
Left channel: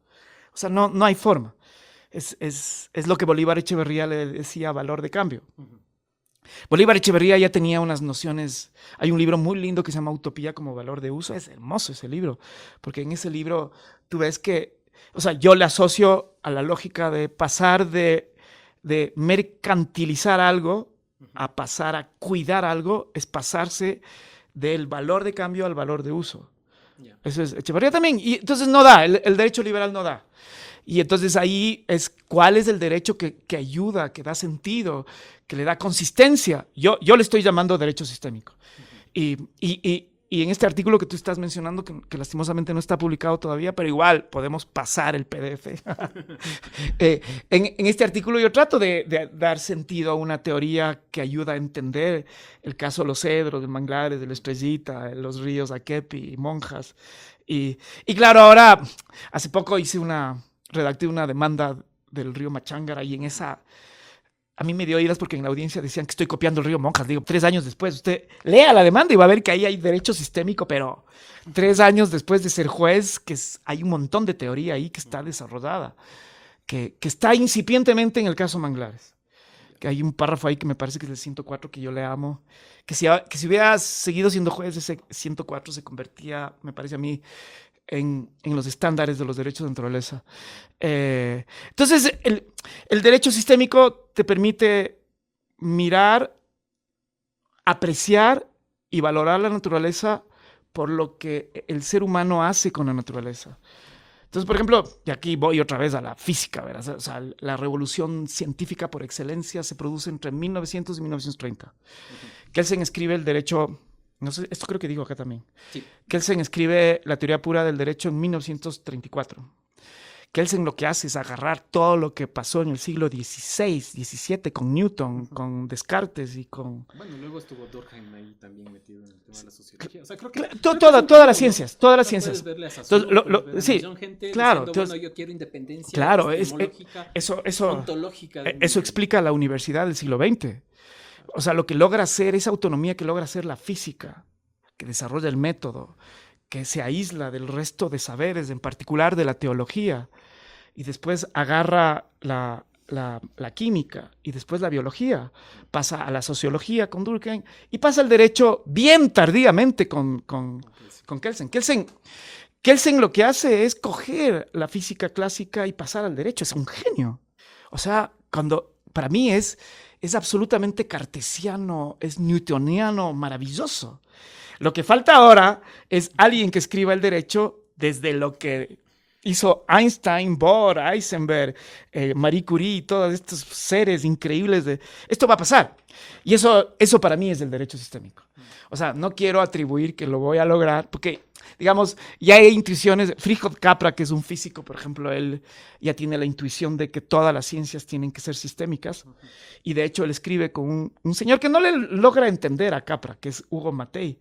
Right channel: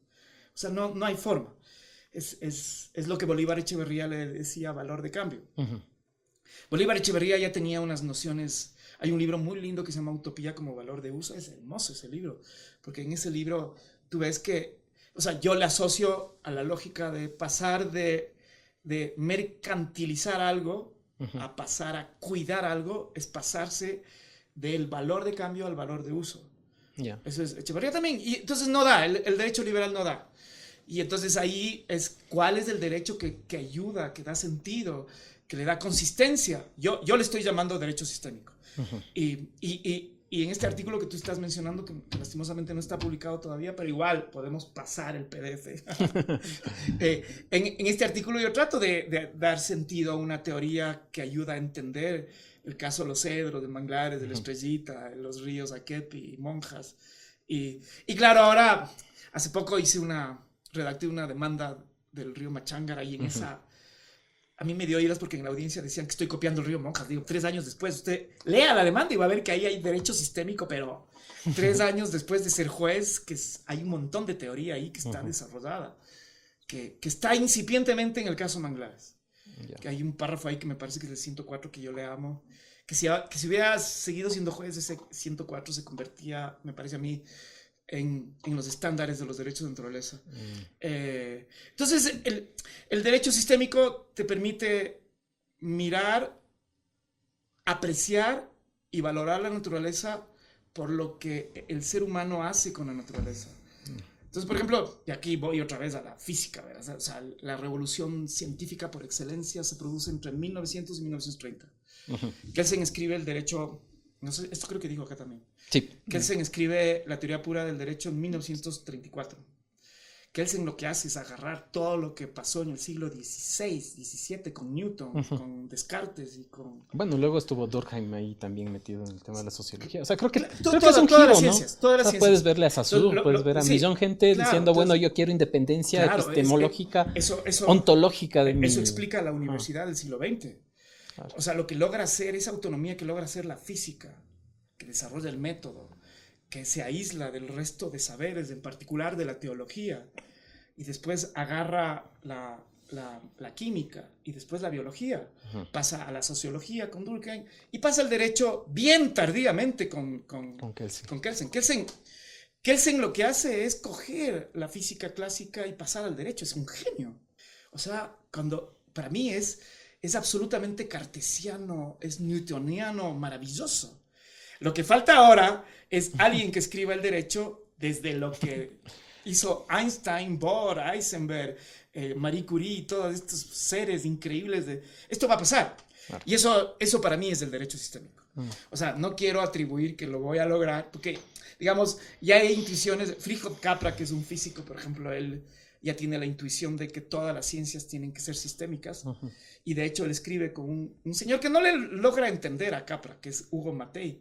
O sea, no hay forma. Es lo que Bolívar Echeverría le decía valor de cambio. Bolívar Echeverría ya tenía unas nociones. Hay un libro muy lindo que se llama Utopía como valor de uso. Es hermoso ese libro, porque en ese libro tú ves que, o sea, yo le asocio a la lógica de pasar de mercantilizar algo a pasar a cuidar algo, es pasarse del valor de cambio al valor de uso. Eso es Echeverría también. Y entonces no da, el derecho liberal no da. Y entonces ahí es cuál es el derecho que ayuda, que da sentido, que le da consistencia. Yo le estoy llamando derecho sistémico. Y en este artículo que tú estás mencionando, que lastimosamente no está publicado todavía, pero igual podemos pasar el PDF. En este artículo yo trato de dar sentido a una teoría que ayuda a entender el caso de los cedros, de manglares, de la Estrellita, de los ríos Akepi, Monjas. Y claro, ahora, hace poco redacté una demanda del río Machángara y en esa... A mí me dio iras porque en la audiencia decían que estoy copiando el río Monjas. Digo, 3 años después, usted lea la demanda y va a ver que ahí hay derecho sistémico, pero 3 años después de ser juez, hay un montón de teoría ahí que está desarrollada, que está incipientemente en el caso Manglares. Que hay un párrafo ahí que me parece que es el 104 que yo le amo, que si hubiera seguido siendo juez, ese 104 se convertía, me parece a mí, en los estándares de los derechos de naturaleza. Entonces, el derecho sistémico te permite mirar, apreciar y valorar la naturaleza por lo que el ser humano hace con la naturaleza. Entonces, por ejemplo, y aquí voy otra vez a la física, ¿verdad? O sea, la revolución científica por excelencia se produce entre 1900 y 1930. Kelsen escribe el derecho... No sé, esto creo que digo acá también. Sí. Kelsen escribe la teoría pura del derecho en 1934. Kelsen lo que hace es agarrar todo lo que pasó en el siglo XVI, XVII con Newton, con Descartes y con... Bueno, luego estuvo Durkheim ahí también metido en el tema de la sociología. O sea, creo que todas las ciencias, todas las ciencias. Puedes verle a Saussure, puedes ver a millón gente diciendo, bueno, yo quiero independencia epistemológica, ontológica. Eso explica la universidad del siglo XX. O sea, lo que logra hacer, esa autonomía que logra hacer la física, que desarrolla el método, que se aísla del resto de saberes, en particular de la teología, y después agarra la química, y después la biología, pasa a la sociología con Durkheim, y pasa al derecho bien tardíamente con Kelsen. Kelsen lo que hace es coger la física clásica y pasar al derecho, es un genio. O sea, para mí es absolutamente cartesiano, es newtoniano, maravilloso. Lo que falta ahora es alguien que escriba el derecho desde lo que hizo Einstein, Bohr, Heisenberg, Marie Curie y todos estos seres increíbles. Esto va a pasar. Y eso para mí es el derecho sistémico. O sea, no quiero atribuir que lo voy a lograr, porque, digamos, ya hay intuiciones. Fritjof Capra, que es un físico, por ejemplo, él ya tiene la intuición de que todas las ciencias tienen que ser sistémicas. Y de hecho, él escribe con un señor que no le logra entender a Capra, que es Hugo Mattei.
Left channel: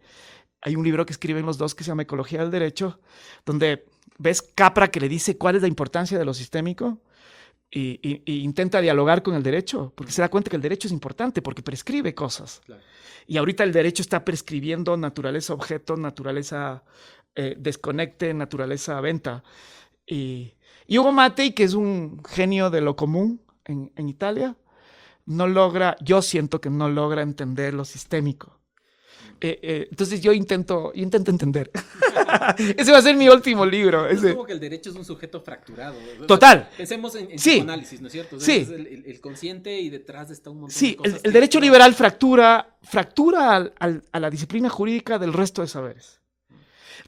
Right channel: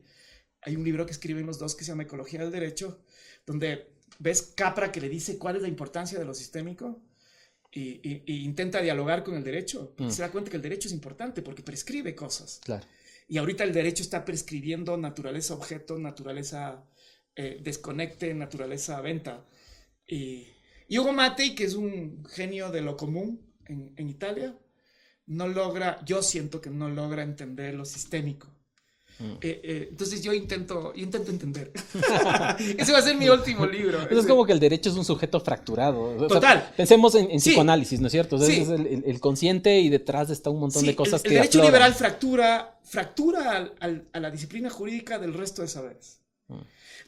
Hay un libro que escriben los dos que se llama Ecología del Derecho, donde ves Capra que le dice cuál es la importancia de lo sistémico y intenta dialogar con el derecho, porque se da cuenta que el derecho es importante, porque prescribe cosas. Claro. Y ahorita el derecho está prescribiendo naturaleza objeto, naturaleza desconecte, naturaleza venta. Y Hugo Mattei, que es un genio de lo común en Italia, yo siento que no logra entender lo sistémico. Entonces yo intento entender. Ese va a ser mi último libro. Es como que el derecho es un sujeto fracturado. Total. O sea, pensemos en Sí. psicoanálisis, ¿no es cierto? O sea, Sí. es el consciente y detrás está un montón de cosas. El derecho liberal fractura a la disciplina jurídica del resto de saberes.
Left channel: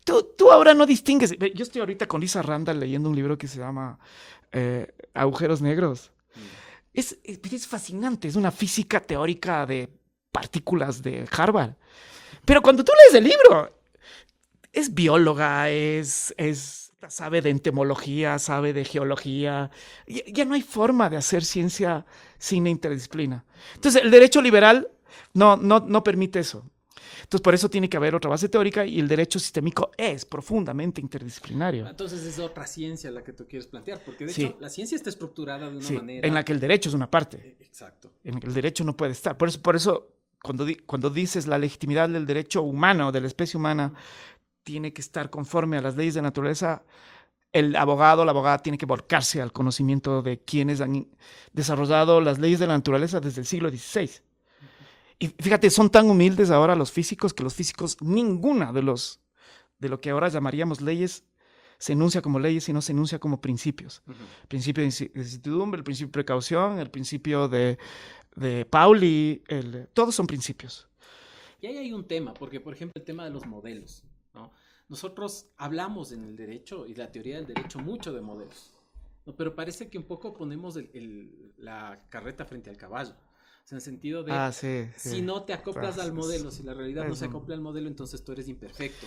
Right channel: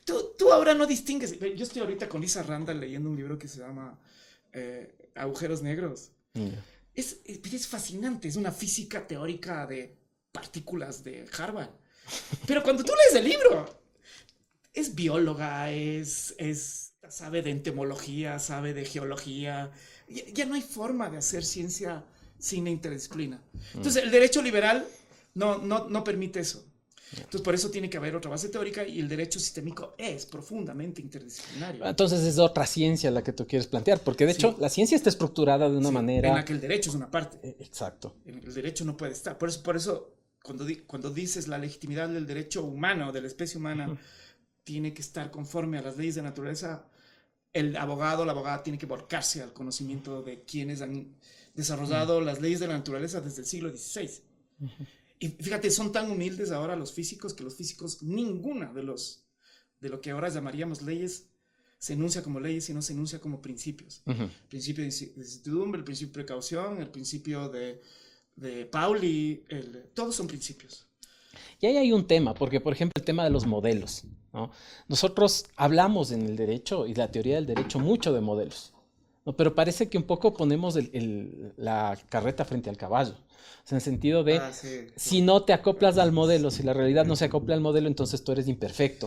Tú ahora no distingues. Yo estoy ahorita con Lisa Randall leyendo un libro que se llama Agujeros Negros. Es fascinante. Es una física teórica de partículas de Harvard. Pero cuando tú lees el libro, es bióloga, sabe de entomología, sabe de geología. Ya no hay forma de hacer ciencia sin interdisciplina. Entonces, el derecho liberal no permite eso. Entonces, por eso tiene que haber otra base teórica y el derecho sistémico es profundamente interdisciplinario. Entonces, es otra ciencia la que tú quieres plantear, porque de hecho, la ciencia está estructurada de una manera... en la que el derecho es una parte. Exacto. En la que el derecho no puede estar. Por eso cuando dices la legitimidad del derecho humano, de la especie humana, tiene que estar conforme a las leyes de naturaleza, el abogado o la abogada tiene que volcarse al conocimiento de quienes han desarrollado las leyes de la naturaleza desde el siglo XVI. Y fíjate, son tan humildes ahora los físicos que los físicos, ninguna de lo que ahora llamaríamos leyes se enuncia como leyes, sino se enuncia como principios. El principio de incertidumbre, el principio de precaución, el principio de Pauli, todos son principios. Y ahí hay un tema, porque por ejemplo el tema de los modelos, ¿no? Nosotros hablamos en el derecho y la teoría del derecho mucho de modelos, ¿no? Pero parece que un poco ponemos la carreta frente al caballo. O sea, en el sentido de, Sí, si no te acoplas Claro, al modelo, sí. si la realidad no se acopla al modelo, entonces tú eres imperfecto.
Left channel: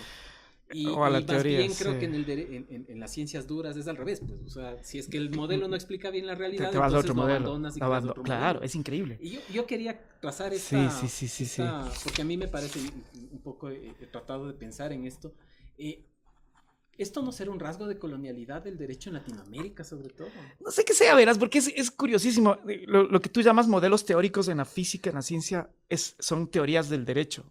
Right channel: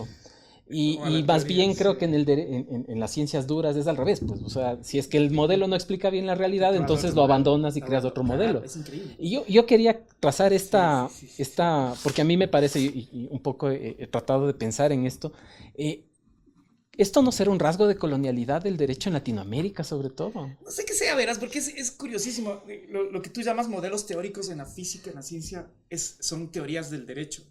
O a Y la más teoría, bien creo sí. que en las ciencias duras es al revés, pues, o sea, si es que el modelo no explica bien la realidad, Te vas a entonces otro lo modelo. abandonas y creas otro Claro, modelo. es increíble. Y yo quería trazar Sí. porque a mí me parece, y un poco he tratado de pensar en esto, ¿esto no será un rasgo de colonialidad del derecho en Latinoamérica, sobre todo? No sé qué sea, verás, porque es curiosísimo. Lo que tú llamas modelos teóricos en la física, en la ciencia, son teorías del derecho.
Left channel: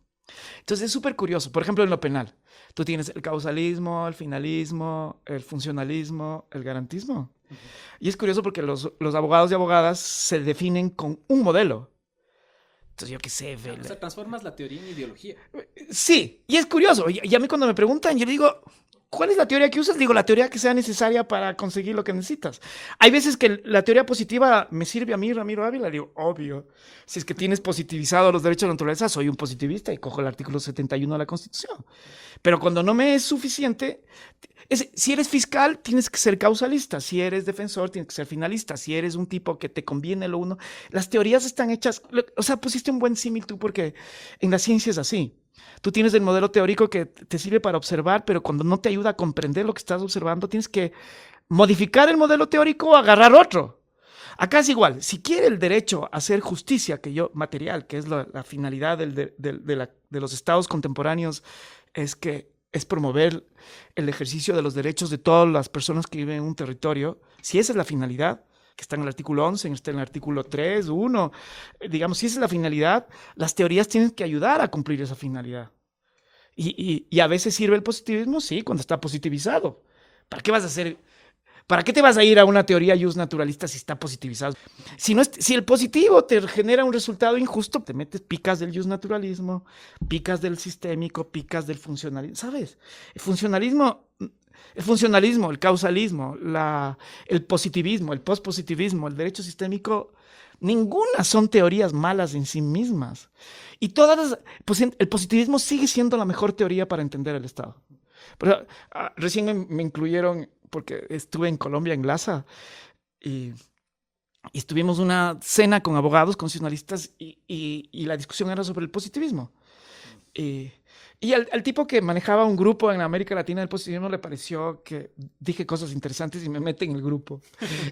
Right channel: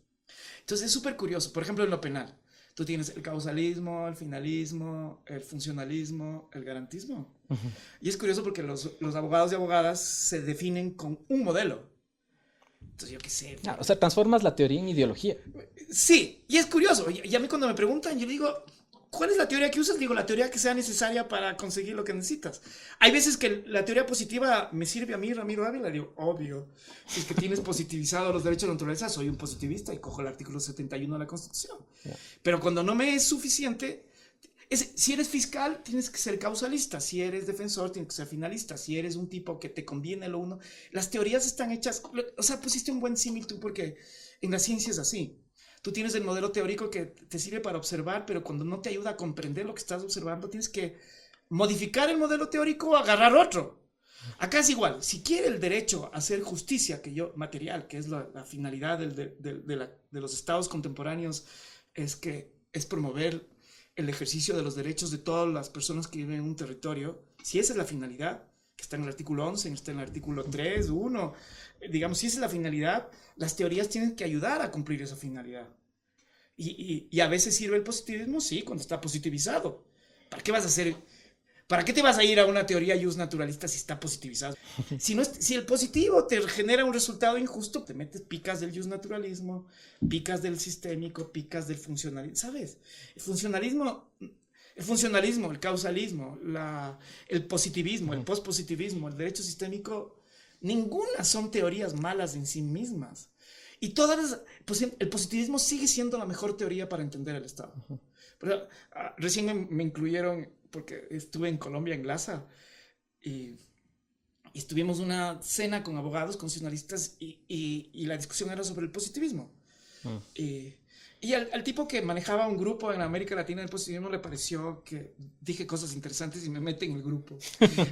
Entonces es súper curioso. Por ejemplo, en lo penal, tú tienes el causalismo, el finalismo, el funcionalismo, el garantismo. Ujú. Y es curioso porque los abogados y abogadas se definen con un modelo. Entonces yo qué sé. O sea, transformas la teoría en ideología. Sí, y es curioso. Y a mí cuando me preguntan, yo digo, ¿cuál es la teoría que usas? Digo, la teoría que sea necesaria para conseguir lo que necesitas. Hay veces que la teoría positiva me sirve a mí, Ramiro Ávila. Digo, obvio. Si es que tienes positivizado los derechos de la naturaleza, soy un positivista y cojo el artículo 71 de la Constitución. Pero cuando no me es suficiente, si eres fiscal, tienes que ser causalista. Si eres defensor, tienes que ser finalista. Si eres un tipo que te conviene lo uno, las teorías están hechas. O sea, pusiste un buen símil tú, porque en la ciencia es así. Tú tienes el modelo teórico que te sirve para observar, pero cuando no te ayuda a comprender lo que estás observando, tienes que modificar el modelo teórico o agarrar otro. Acá es igual. Si quiere el derecho a hacer justicia material, que es la finalidad de los estados contemporáneos, es promover el ejercicio de los derechos de todas las personas que viven en un territorio. Si esa es la finalidad, que está en el artículo 11, está en el artículo 3, 1, digamos, si esa es la finalidad, las teorías tienen que ayudar a cumplir esa finalidad. Y a veces sirve el positivismo, sí, cuando está positivizado. ¿Para qué vas a hacer? ¿Para qué te vas a ir a una teoría just naturalista si está positivizado? Si el positivo te genera un resultado injusto, te metes, picas del just naturalismo, picas del sistémico, picas del funcionalismo, ¿sabes? El funcionalismo, el causalismo, el positivismo, el pospositivismo, el derecho sistémico, ninguna son teorías malas en sí mismas. Y el positivismo sigue siendo la mejor teoría para entender el Estado. Pero, recién me incluyeron, porque estuve en Colombia, en Glaza, y estuvimos una cena con abogados constitucionalistas y la discusión era sobre el positivismo. Y al tipo que manejaba un grupo en América Latina del positivismo le pareció que dije cosas interesantes y me mete en el grupo.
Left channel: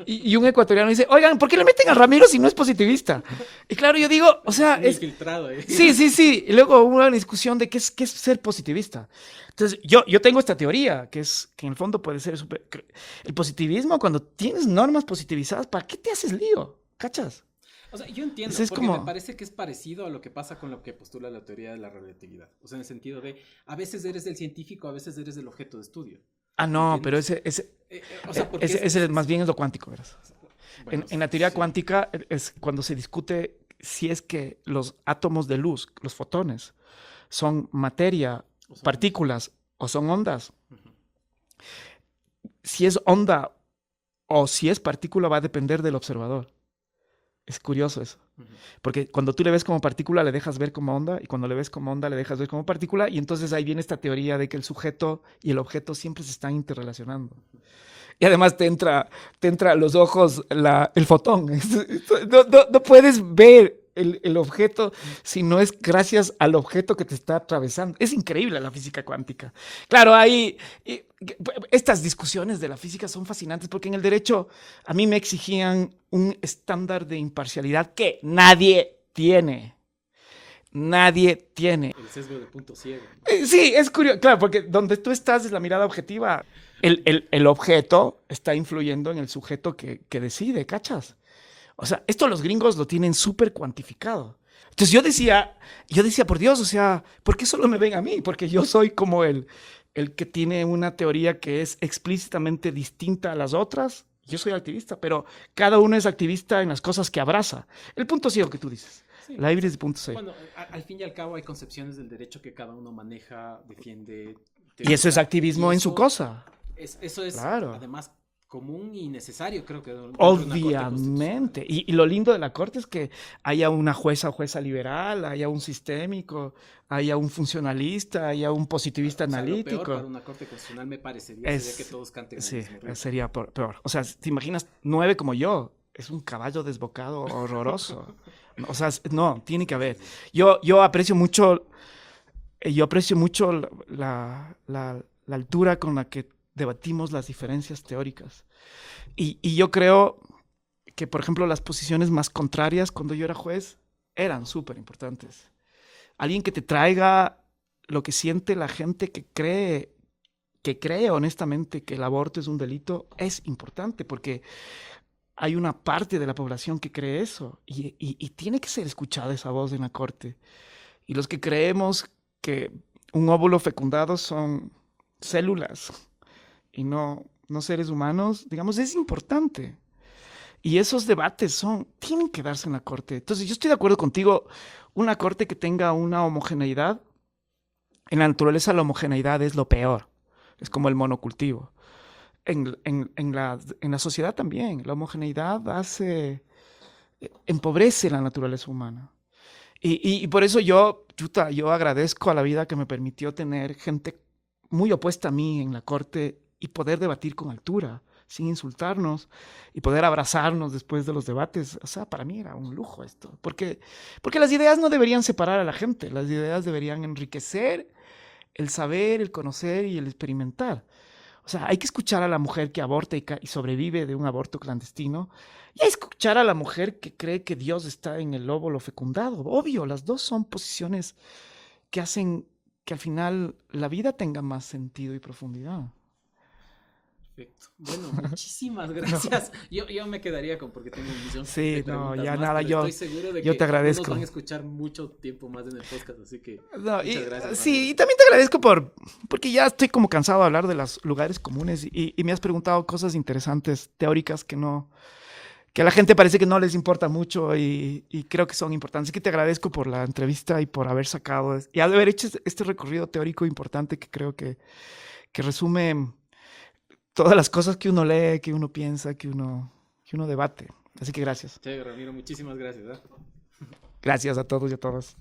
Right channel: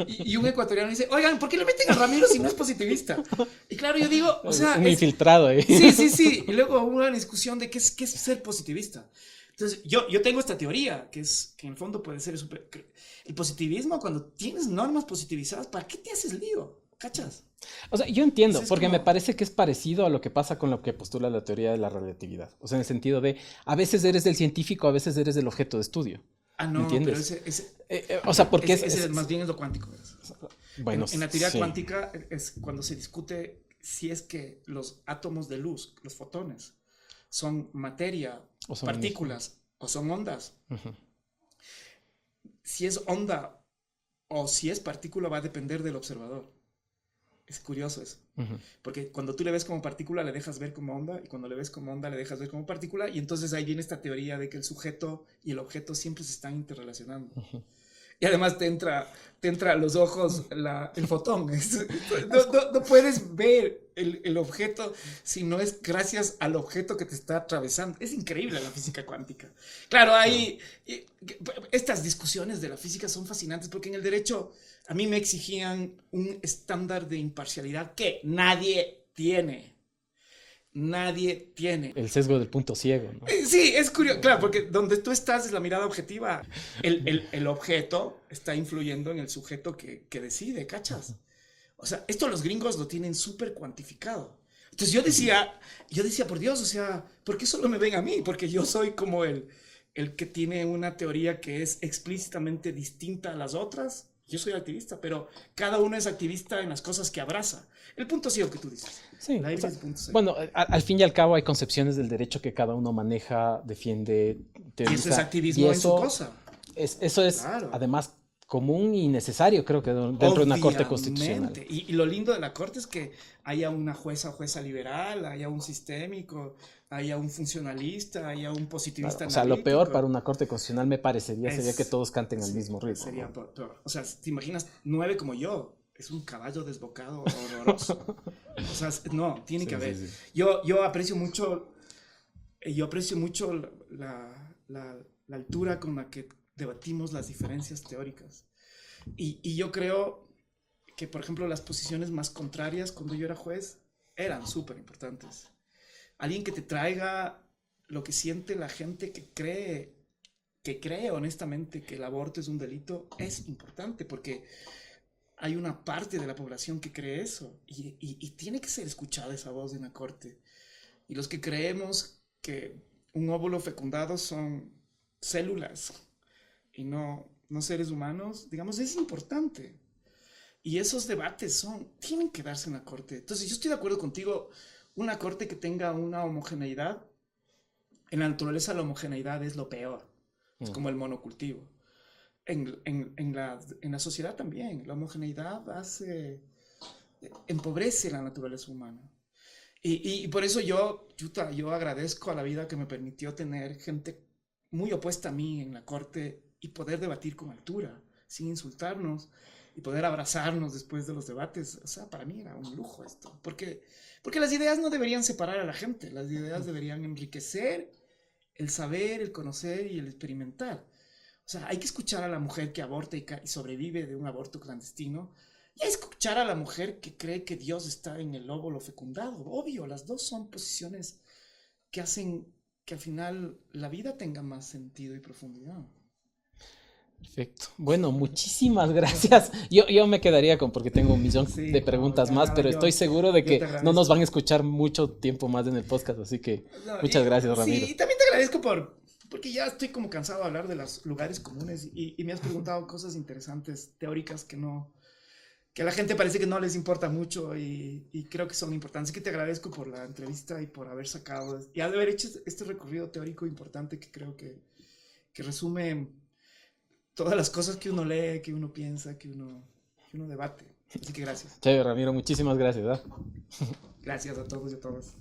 Y un ecuatoriano dice, oigan, ¿por qué le meten a Ramiro si no es positivista? Y claro, yo digo, o sea... Un infiltrado ahí. Sí. Y luego hubo una discusión de qué es ser positivista. Entonces, yo tengo esta teoría, que en el fondo puede ser el positivismo, cuando tienes normas positivizadas, ¿para qué te haces lío? ¿Cachas? O sea, yo entiendo, porque como... me parece que es parecido a lo que pasa con lo que postula la teoría de la relatividad. O sea, en el sentido de, a veces eres del científico, a veces eres del objeto de estudio. No, ¿entiendes? pero o sea, porque ese más bien es lo cuántico, ¿verdad? Bueno, en la teoría sí. cuántica es cuando se discute si es que los átomos de luz, los fotones, son materia, O son partículas o son ondas. Uh-huh. Si es onda o si es partícula va a depender del observador. Es curioso eso. Uh-huh. Porque cuando tú le ves como partícula, le dejas ver como onda, y cuando le ves como onda, le dejas ver como partícula, y entonces ahí viene esta teoría de que el sujeto y el objeto siempre se están interrelacionando. Uh-huh. Y además te entra a los ojos el fotón. No puedes ver el objeto si no es gracias al objeto que te está atravesando. Es increíble la física cuántica. Claro, estas discusiones de la física son fascinantes porque en el derecho a mí me exigían un estándar de imparcialidad que nadie tiene. Nadie tiene. El sesgo del punto ciego, ¿no? Sí, es curioso. Claro, porque donde tú estás es la mirada objetiva. El objeto está influyendo en el sujeto que decide, ¿cachas? O sea, esto los gringos lo tienen súper cuantificado. Entonces yo decía, por Dios, o sea, ¿por qué solo me ven a mí? Porque yo soy como el que tiene una teoría que es explícitamente distinta a las otras. Yo soy activista, pero cada uno es activista en las cosas que abraza. El punto ciego que tú dices. Sí, La híbrida de punto ciego. Bueno, al fin y al cabo hay concepciones del derecho que cada uno maneja, defiende. Y eso es activismo en su cosa. Eso es, claro, además, común y necesario, creo que dentro de una corte constitucional. Y lo lindo de la corte es que haya una jueza o jueza liberal, haya un sistémico, haya un funcionalista, haya un positivista analítico. O sea, lo peor para una corte constitucional me parecería sería que todos canten al mismo ritmo. Sería peor. O sea, te imaginas 9 como yo, es un caballo desbocado horroroso. O sea, no, tiene que haber. Sí, sí. Yo aprecio mucho, la altura con la que debatimos las diferencias teóricas. Y yo creo que, por ejemplo, las posiciones más contrarias cuando yo era juez eran súper importantes. Alguien que te traiga lo que siente la gente que cree honestamente que el aborto es un delito, es importante porque hay una parte de la población que cree eso y tiene que ser escuchada esa voz en la corte. Y los que creemos que un óvulo fecundado son células y no seres humanos, digamos, es importante. Y esos debates tienen que darse en la corte. Entonces, yo estoy de acuerdo contigo, una corte que tenga una homogeneidad, en la naturaleza la homogeneidad es lo peor, es como el monocultivo. En la sociedad también, la homogeneidad empobrece la naturaleza humana. Y por eso yo agradezco a la vida que me permitió tener gente muy opuesta a mí en la corte y poder debatir con altura, sin insultarnos, y poder abrazarnos después de los debates. O sea, para mí era un lujo esto. Porque las ideas no deberían separar a la gente, las ideas deberían enriquecer el saber, el conocer y el experimentar. O sea, hay que escuchar a la mujer que aborta y sobrevive de un aborto clandestino. Y hay que escuchar a la mujer que cree que Dios está en el óvulo fecundado. Obvio, las dos son posiciones que hacen que al final la vida tenga más sentido y profundidad. Perfecto. Bueno, muchísimas gracias. Yo me quedaría porque tengo un millón Sí, de preguntas ya más, nada, pero estoy seguro de que te no nos agradezco. van a escuchar mucho tiempo más en el podcast, así que muchas gracias, Ramiro. Sí, y también te agradezco porque ya estoy como cansado de hablar de los lugares comunes y me has preguntado cosas interesantes, teóricas que a la gente parece que no les importa mucho y creo que son importantes. Así que te agradezco por la entrevista y por haber sacado y haber hecho este recorrido teórico importante que creo que resume todas las cosas que uno lee, que uno piensa, que uno debate. Así que gracias. Chévere, Ramiro, muchísimas gracias. Gracias a todos y a todas.